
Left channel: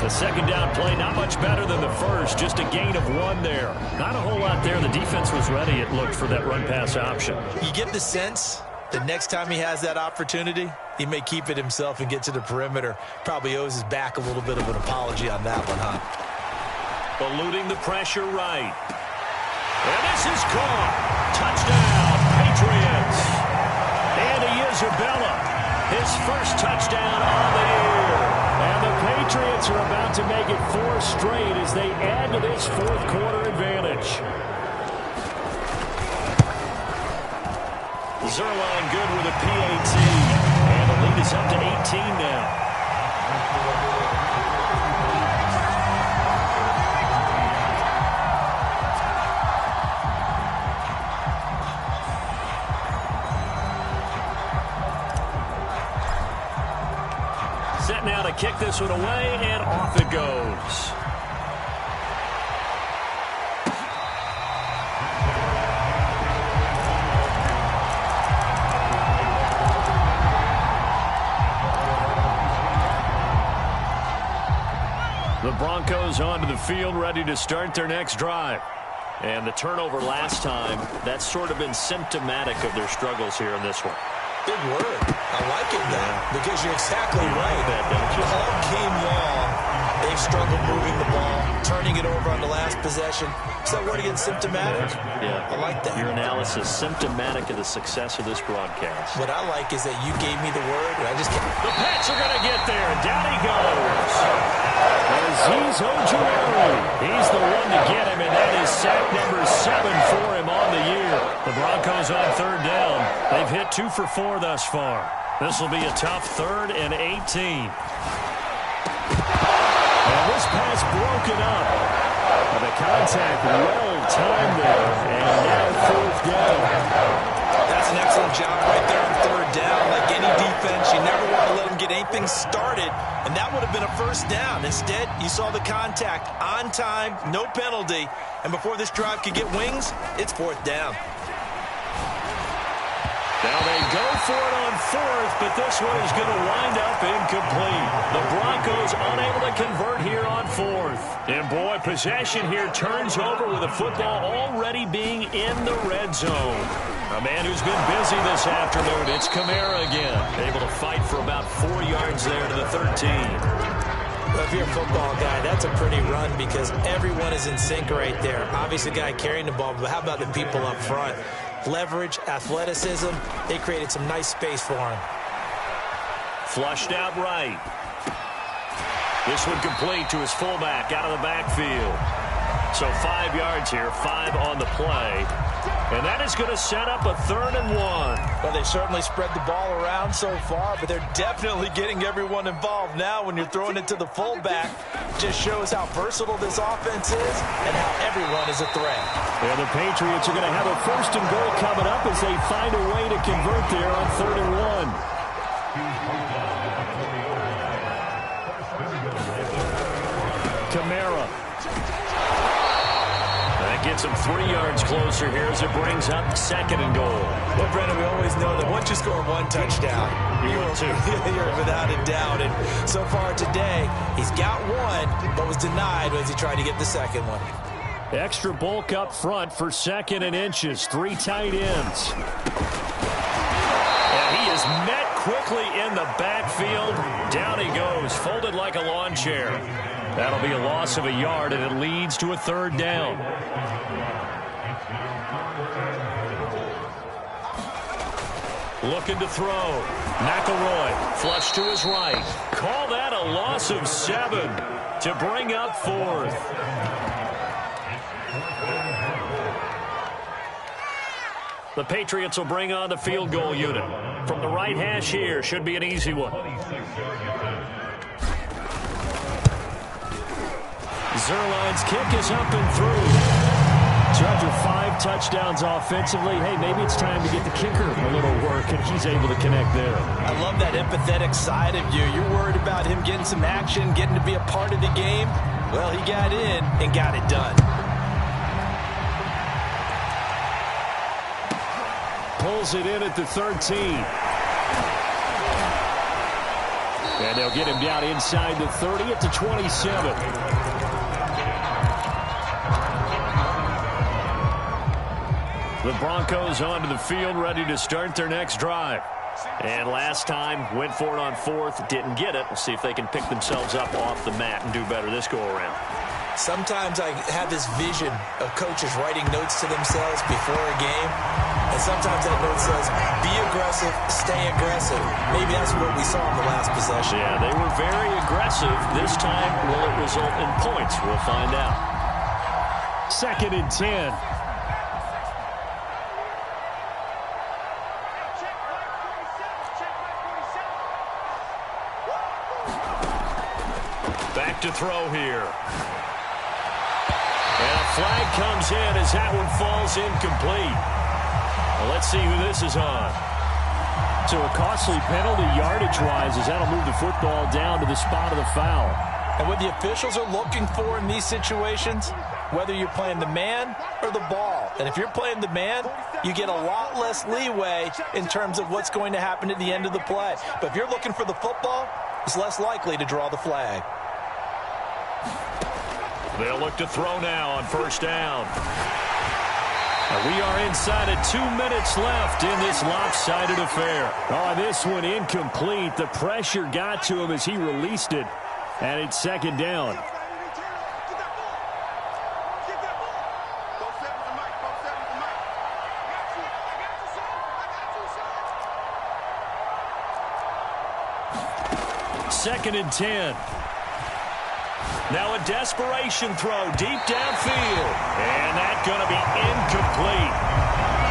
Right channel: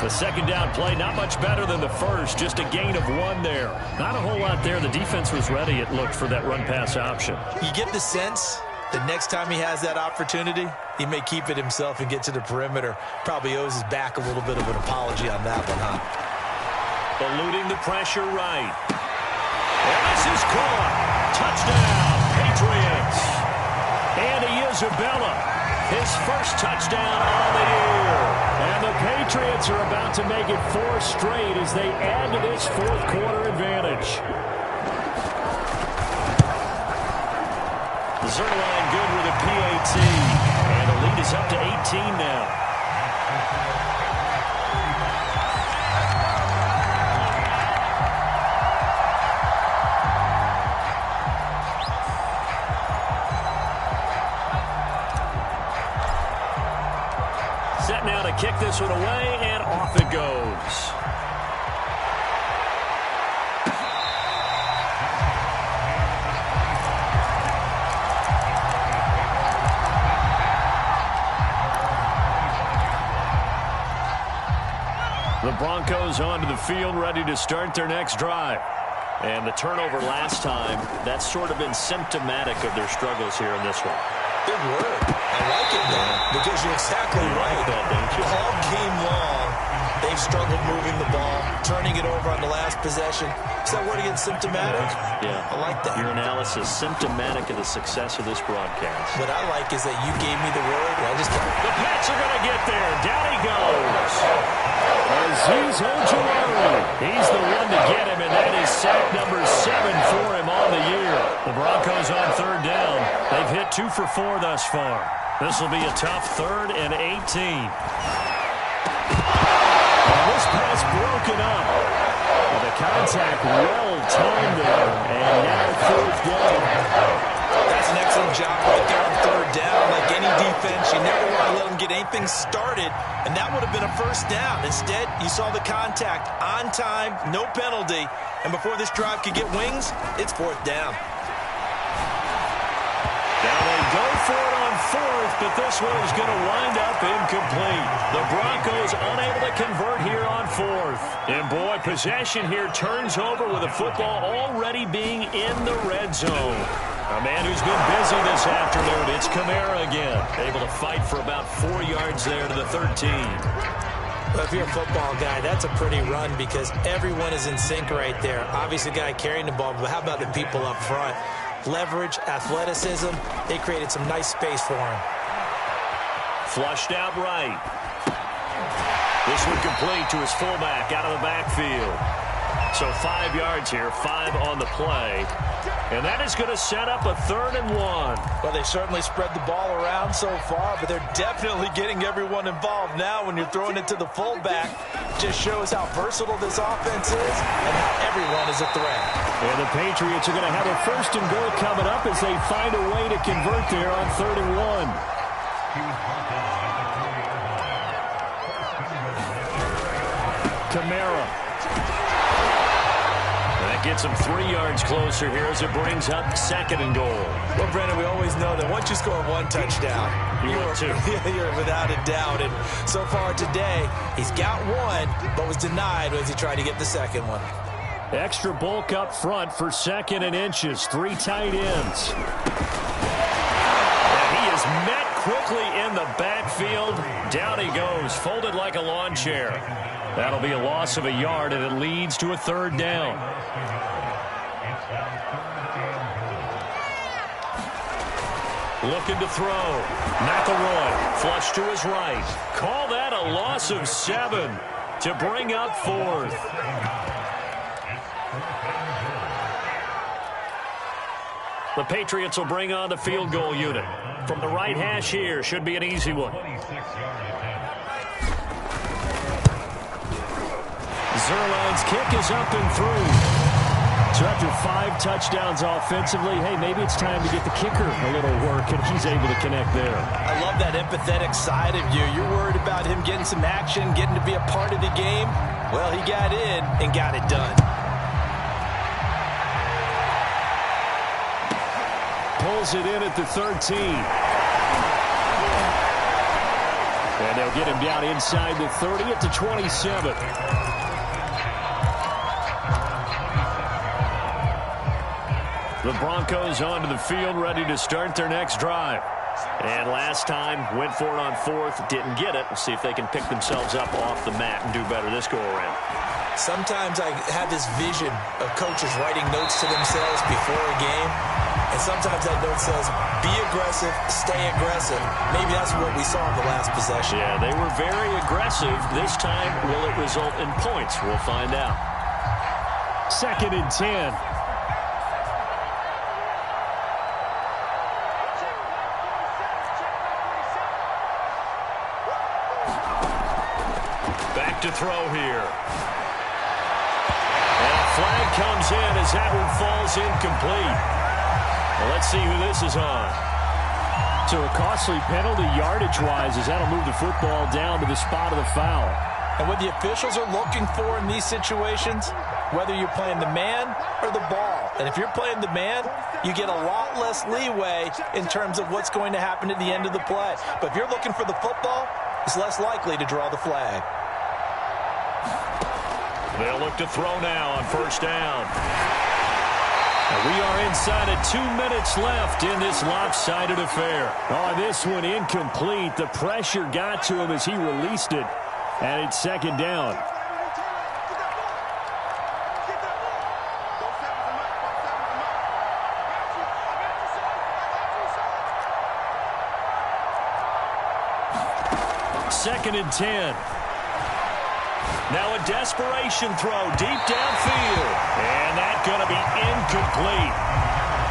The second down play, not much better than the first, just a gain of 1 there. Not a whole lot there. The defense was ready, it looked, for that run-pass option. You get the sense that next time he has that opportunity, he may keep it himself and get to the perimeter. Probably owes his back a little bit of an apology on that one, huh? Eluding the pressure right. And this is caught. Touchdown, Patriots. Andy Isabella, his first touchdown on the year. And the Patriots are about to make it 4 straight as they add to this fourth quarter advantage. Zerline good with a PAT. And the lead is up to 18 now. Set now to kick this one away, and off it goes. The Broncos onto the field, ready to start their next drive. And the turnover last time, that's sort of been symptomatic of their struggles here in this one. Big word. I like it now because you're exactly right. Like that, don't you? All game long, they've struggled moving the ball, turning it over on the last possession. Is that word again, symptomatic? Yeah. I like that. Your analysis, symptomatic of the success of this broadcast. What I like is that you gave me the word, and I just can't. The Pats are going to get there. Down he goes. Azeez Ojulari. He's the one to get him, and that is sack number 7 for him on the year. The Broncos on third down. They've hit 2 for 4 thus far. This will be a tough 3rd and 18. And this pass broken up. Well, the contact well-timed there, and now 4th down. That's an excellent job right there on third down. Like any defense, you never want to let them get anything started, and that would have been a first down. Instead, you saw the contact on time, no penalty, and before this drive could get wings, it's 4th down. Now they go for it on 4th, but this one is going to wind up incomplete. The Broncos unable to convert here on 4th. And boy, possession here turns over with the football already being in the red zone. A man who's been busy this afternoon, it's Kamara again. Able to fight for about 4 yards there to the 13. Well, if you're a football guy, that's a pretty run because everyone is in sync right there. Obviously, the guy carrying the ball, but how about the people up front? Leverage, athleticism, they created some nice space for him. Flushed out right. This one complete to his fullback out of the backfield. So 5 yards here, 5 on the play. And that is going to set up a 3rd and 1. Well, they certainly spread the ball around so far, but they're definitely getting everyone involved now when you're throwing it to the fullback. Just shows how versatile this offense is and how everyone is a threat. And the Patriots are going to have a 1st and goal coming up as they find a way to convert there on 3rd and 1. Kamara. That gets him 3 yards closer here as it brings up 2nd and goal. Well, Brendan, we always know that once you score 1 touchdown, you're without a doubt. And so far today, he's got 1, but was denied as he tried to get the 2nd one. Extra bulk up front for 2nd and inches. 3 tight ends. And he is met quickly in the backfield. Down he goes, folded like a lawn chair. That'll be a loss of a yard, and it leads to a 3rd down. Looking to throw. McElroy, flush to his right. Call that a loss of 7 to bring up 4th. The Patriots will bring on the field goal unit. From the right hash here, should be an easy one. Zerline's kick is up and through. So after 5 touchdowns offensively, hey, maybe it's time to get the kicker a little work, and he's able to connect there. I love that empathetic side of you. You're worried about him getting some action, getting to be a part of the game. Well, he got in and got it done. Pulls it in at the 13. And they'll get him down inside the 30 at the 27. The Broncos onto the field, ready to start their next drive. And last time, went for it on 4th, didn't get it. We'll see if they can pick themselves up off the mat and do better this go-around. Sometimes I have this vision of coaches writing notes to themselves before a game. And sometimes that note says, be aggressive, stay aggressive. Maybe that's what we saw in the last possession. Yeah, they were very aggressive. This time, will it result in points? We'll find out. 2nd and 10. Back to throw here. And a flag comes in as that one falls incomplete. Well, let's see who this is on. So a costly penalty yardage-wise as that'll move the football down to the spot of the foul. And what the officials are looking for in these situations, whether you're playing the man or the ball. And if you're playing the man, you get a lot less leeway in terms of what's going to happen at the end of the play. But if you're looking for the football, it's less likely to draw the flag. They'll look to throw now on 1st down. And we are inside of 2 minutes left in this lopsided affair. Oh, this one incomplete. The pressure got to him as he released it. And it's 2nd down. Second and 10. Now a desperation throw deep downfield. And that's going to be incomplete.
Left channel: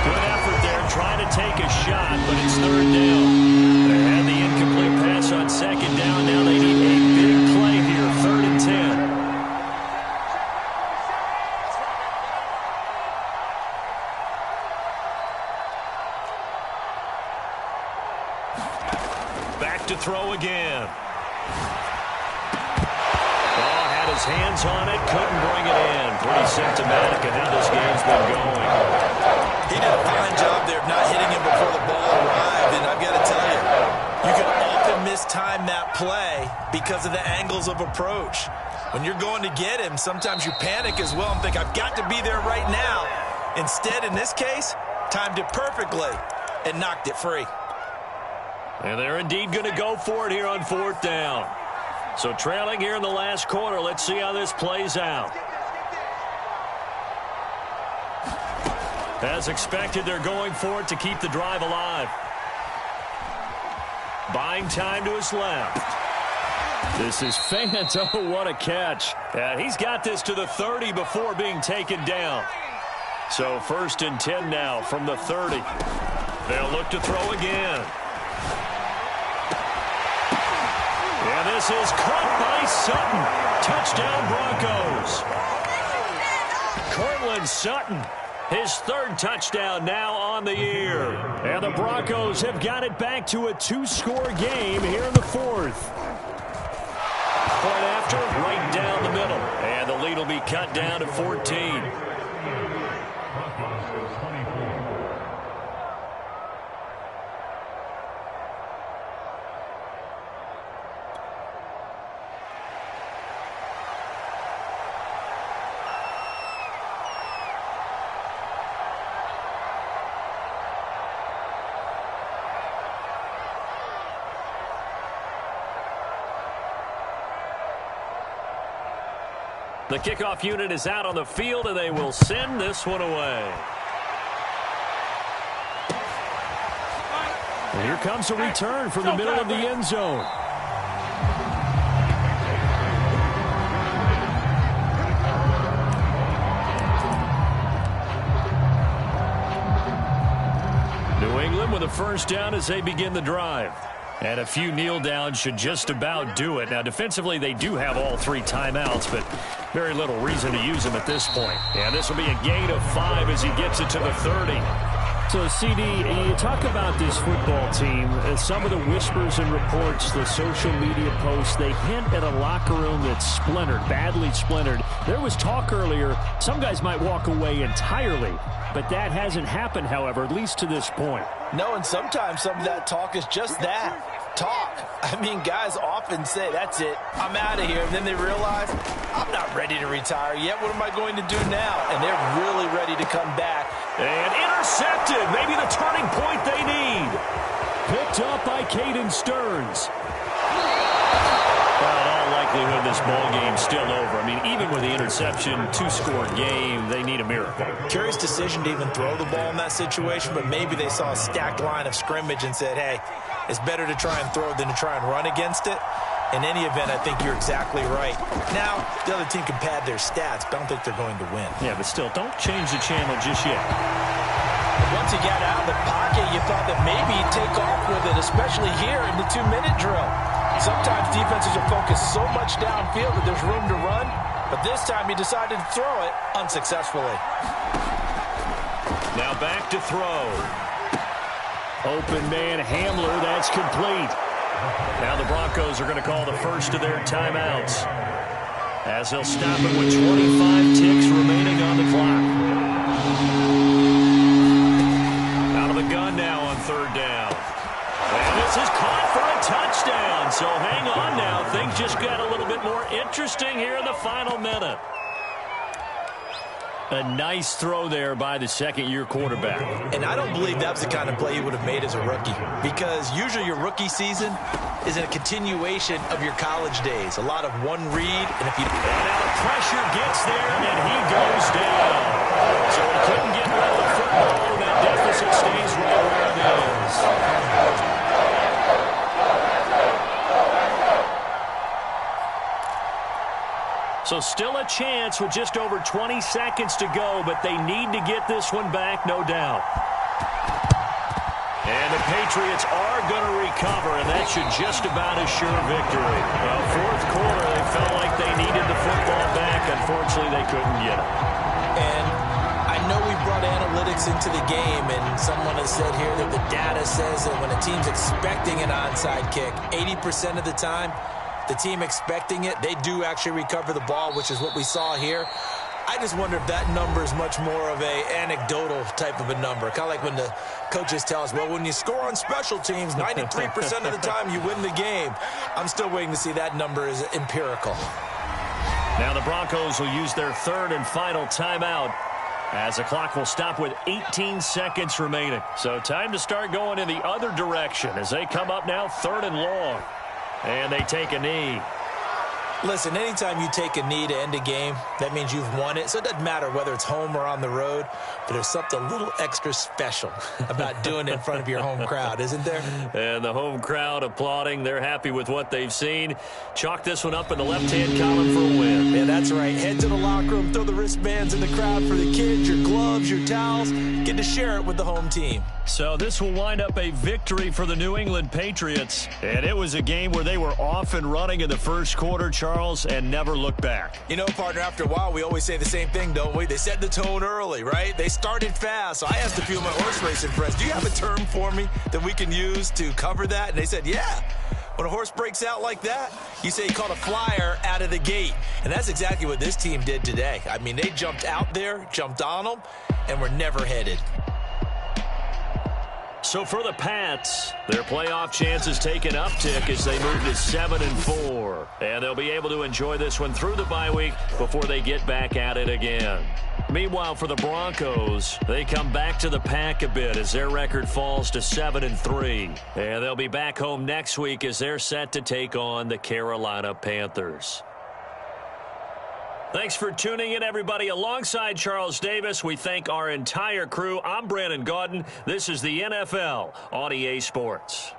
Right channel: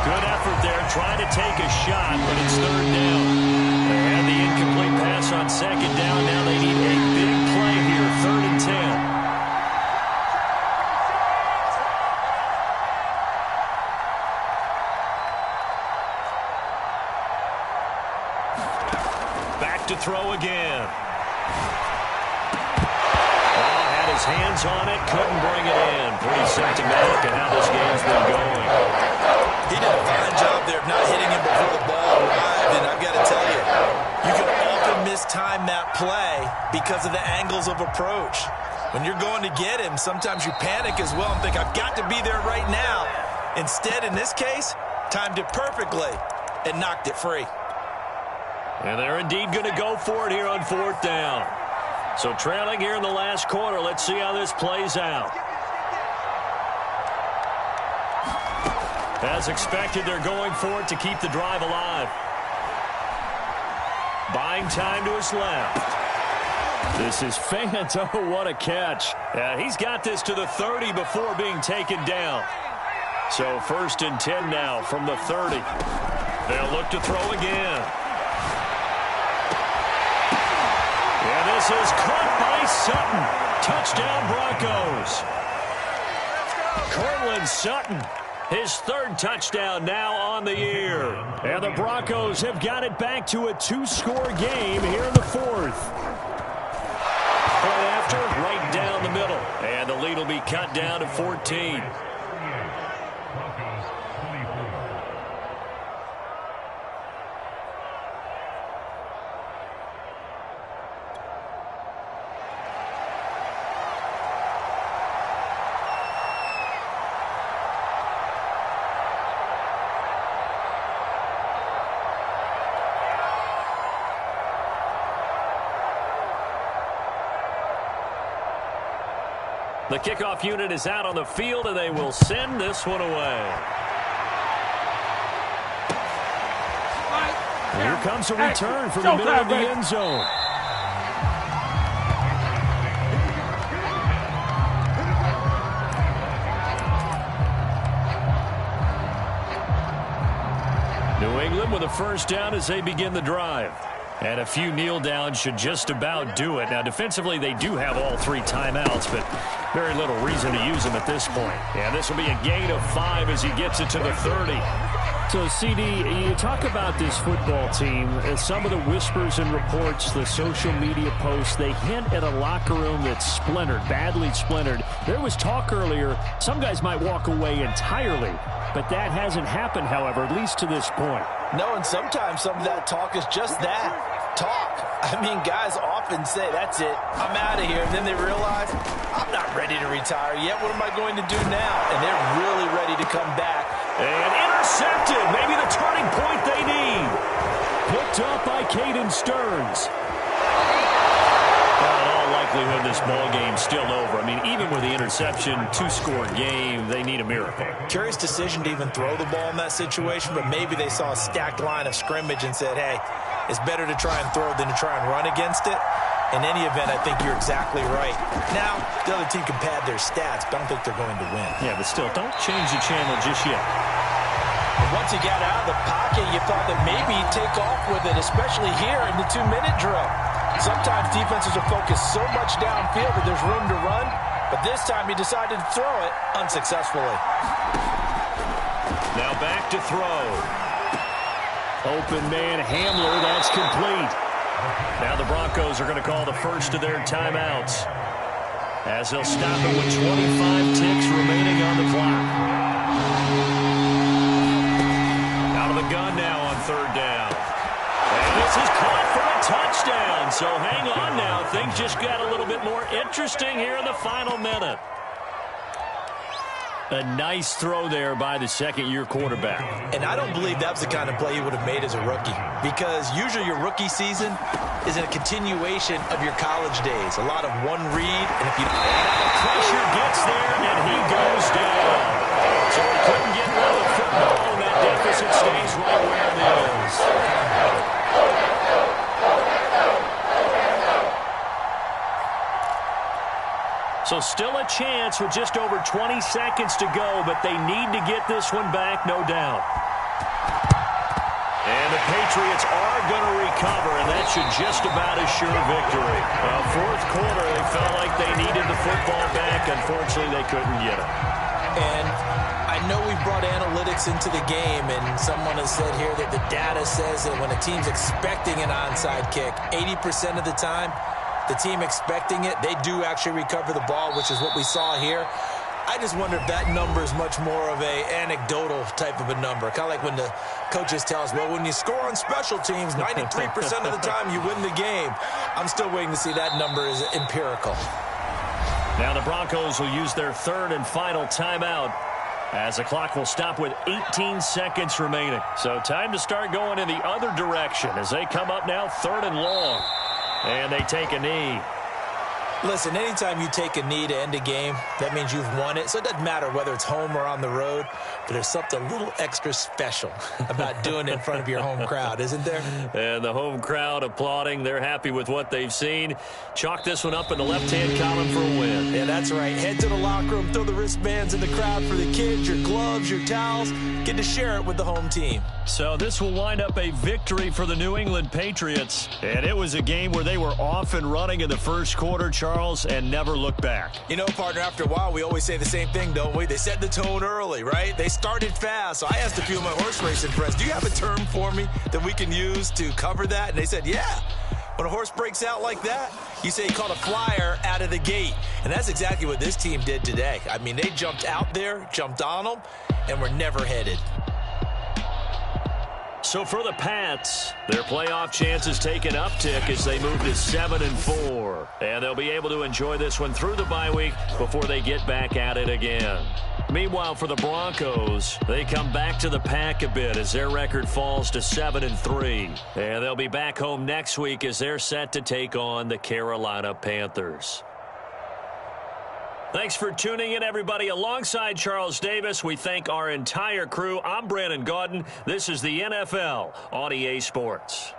Good effort there trying to take a shot, but it's 3rd down. They had the incomplete pass on 2nd down. Now they need a big play here, 3rd and 10. Back to throw again. His hands on it, couldn't bring it in. Pretty symptomatic of how this game's been going. He did a fine job there of not hitting him before the ball arrived, and I've got to tell you, you can often mistime that play because of the angles of approach. When you're going to get him, sometimes you panic as well and think, I've got to be there right now. Instead, in this case, timed it perfectly and knocked it free. And they're indeed going to go for it here on 4th down. So trailing here in the last quarter, let's see how this plays out. As expected, they're going for it to keep the drive alive. Buying time to his left. This is Fant. Oh, what a catch. And he's got this to the 30 before being taken down. So 1st and 10 now from the 30. They'll look to throw again. And this is caught by Sutton. Touchdown, Broncos. Cortland Sutton, his 3rd touchdown now on the year. And the Broncos have got it back to a 2-score game here in the 4th. Point after, right down the middle. And the lead will be cut down to 14. Broncos 24. The kickoff unit is out on the field, and they will send this one away. And here comes a return from the middle of the end zone. New England with a 1st down as they begin the drive. And a few kneel downs should just about do it. Now, defensively, they do have all 3 timeouts, but very little reason to use them at this point. And this will be a gain of 5 as he gets it to the 30. So, CD, you talk about this football team, some of the whispers and reports, the social media posts, they hint at a locker room that's splintered, badly splintered. There was talk earlier, some guys might walk away entirely, but that hasn't happened, however, at least to this point. No, and sometimes some of that talk is just that. Talk. I mean, guys often say, that's it, I'm out of here. And then they realize, I'm not ready to retire yet. What am I going to do now? And they're really ready to come back. And intercepted. Maybe the turning point they need. Picked up by Caden Stearns. Well, in all likelihood, this ball game's still over. I mean, even with the interception, 2-score game, they need a miracle. Curious decision to even throw the ball in that situation, but maybe they saw a stacked line of scrimmage and said, hey, it's better to try and throw than to try and run against it. In any event, I think you're exactly right. Now, the other team can pad their stats, but I don't think they're going to win. Yeah, but still, don't change the channel just yet. Once he got out of the pocket, you thought that maybe he'd take off with it, especially here in the 2-minute drill. Sometimes defenses are focused so much downfield that there's room to run, but this time he decided to throw it unsuccessfully. Now back to throw. Open man Hamler, that's complete. Now the Broncos are going to call the first of their timeouts as they'll stop it with 25 ticks remaining on the clock. Out of the gun now on 3rd down. And this is caught for a touchdown. So hang on now. Things just got a little bit more interesting here in the final minute. A nice throw there by the second-year quarterback. And I don't believe that was the kind of play he would have made as a rookie, because usually your rookie season is a continuation of your college days. A lot of one read, and if you... And now the pressure gets there, and he goes down. So he couldn't get rid of the football, and that deficit stays right where it is. So still a chance with just over 20 seconds to go, but they need to get this one back, no doubt. And the Patriots are going to recover, and that should just about assure victory. Well, 4th quarter, they felt like they needed the football back. Unfortunately, they couldn't get it. And I know we brought analytics into the game, and someone has said here that the data says that when a team's expecting an onside kick, 80% of the time, the team expecting it, they do actually recover the ball, which is what we saw here. I just wonder if that number is much more of a anecdotal type of a number. Kind of like when the coaches tell us, well, when you score on special teams, 93% of the time you win the game. I'm still waiting to see that number is empirical. Now the Broncos will use their 3rd and final timeout as the clock will stop with 18 seconds remaining. So time to start going in the other direction as they come up now 3rd and long. And they take a knee. Listen, anytime you take a knee to end a game, that means you've won it. So it doesn't matter whether it's home or on the road, but there's something a little extra special about doing it in front of your home crowd, isn't there? And the home crowd applauding. They're happy with what they've seen. Chalk this one up in the left-hand column for a win. Yeah, that's right. Head to the locker room, throw the wristbands in the crowd for the kids, your gloves, your towels. Get to share it with the home team. So this will wind up a victory for the New England Patriots. And it was a game where they were off and running in the first quarter, Charles, and never looked back. You know, partner, after a while, we always say the same thing, don't we? They set the tone early, right? They started fast. So I asked a few of my horse racing friends, do you have a term for me that we can use to cover that? And they said, yeah. When a horse breaks out like that, you say he caught a flyer out of the gate. And that's exactly what this team did today. I mean, they jumped out there, jumped on them, and were never headed. So for the Pats, their playoff chances take an uptick as they move to 7-4. And they'll be able to enjoy this one through the bye week before they get back at it again. Meanwhile, for the Broncos, they come back to the pack a bit as their record falls to 7-3. And they'll be back home next week as they're set to take on the Carolina Panthers. Thanks for tuning in, everybody. Alongside Charles Davis, we thank our entire crew. I'm Brandon Gaudin. This is the NFL on EA Sports.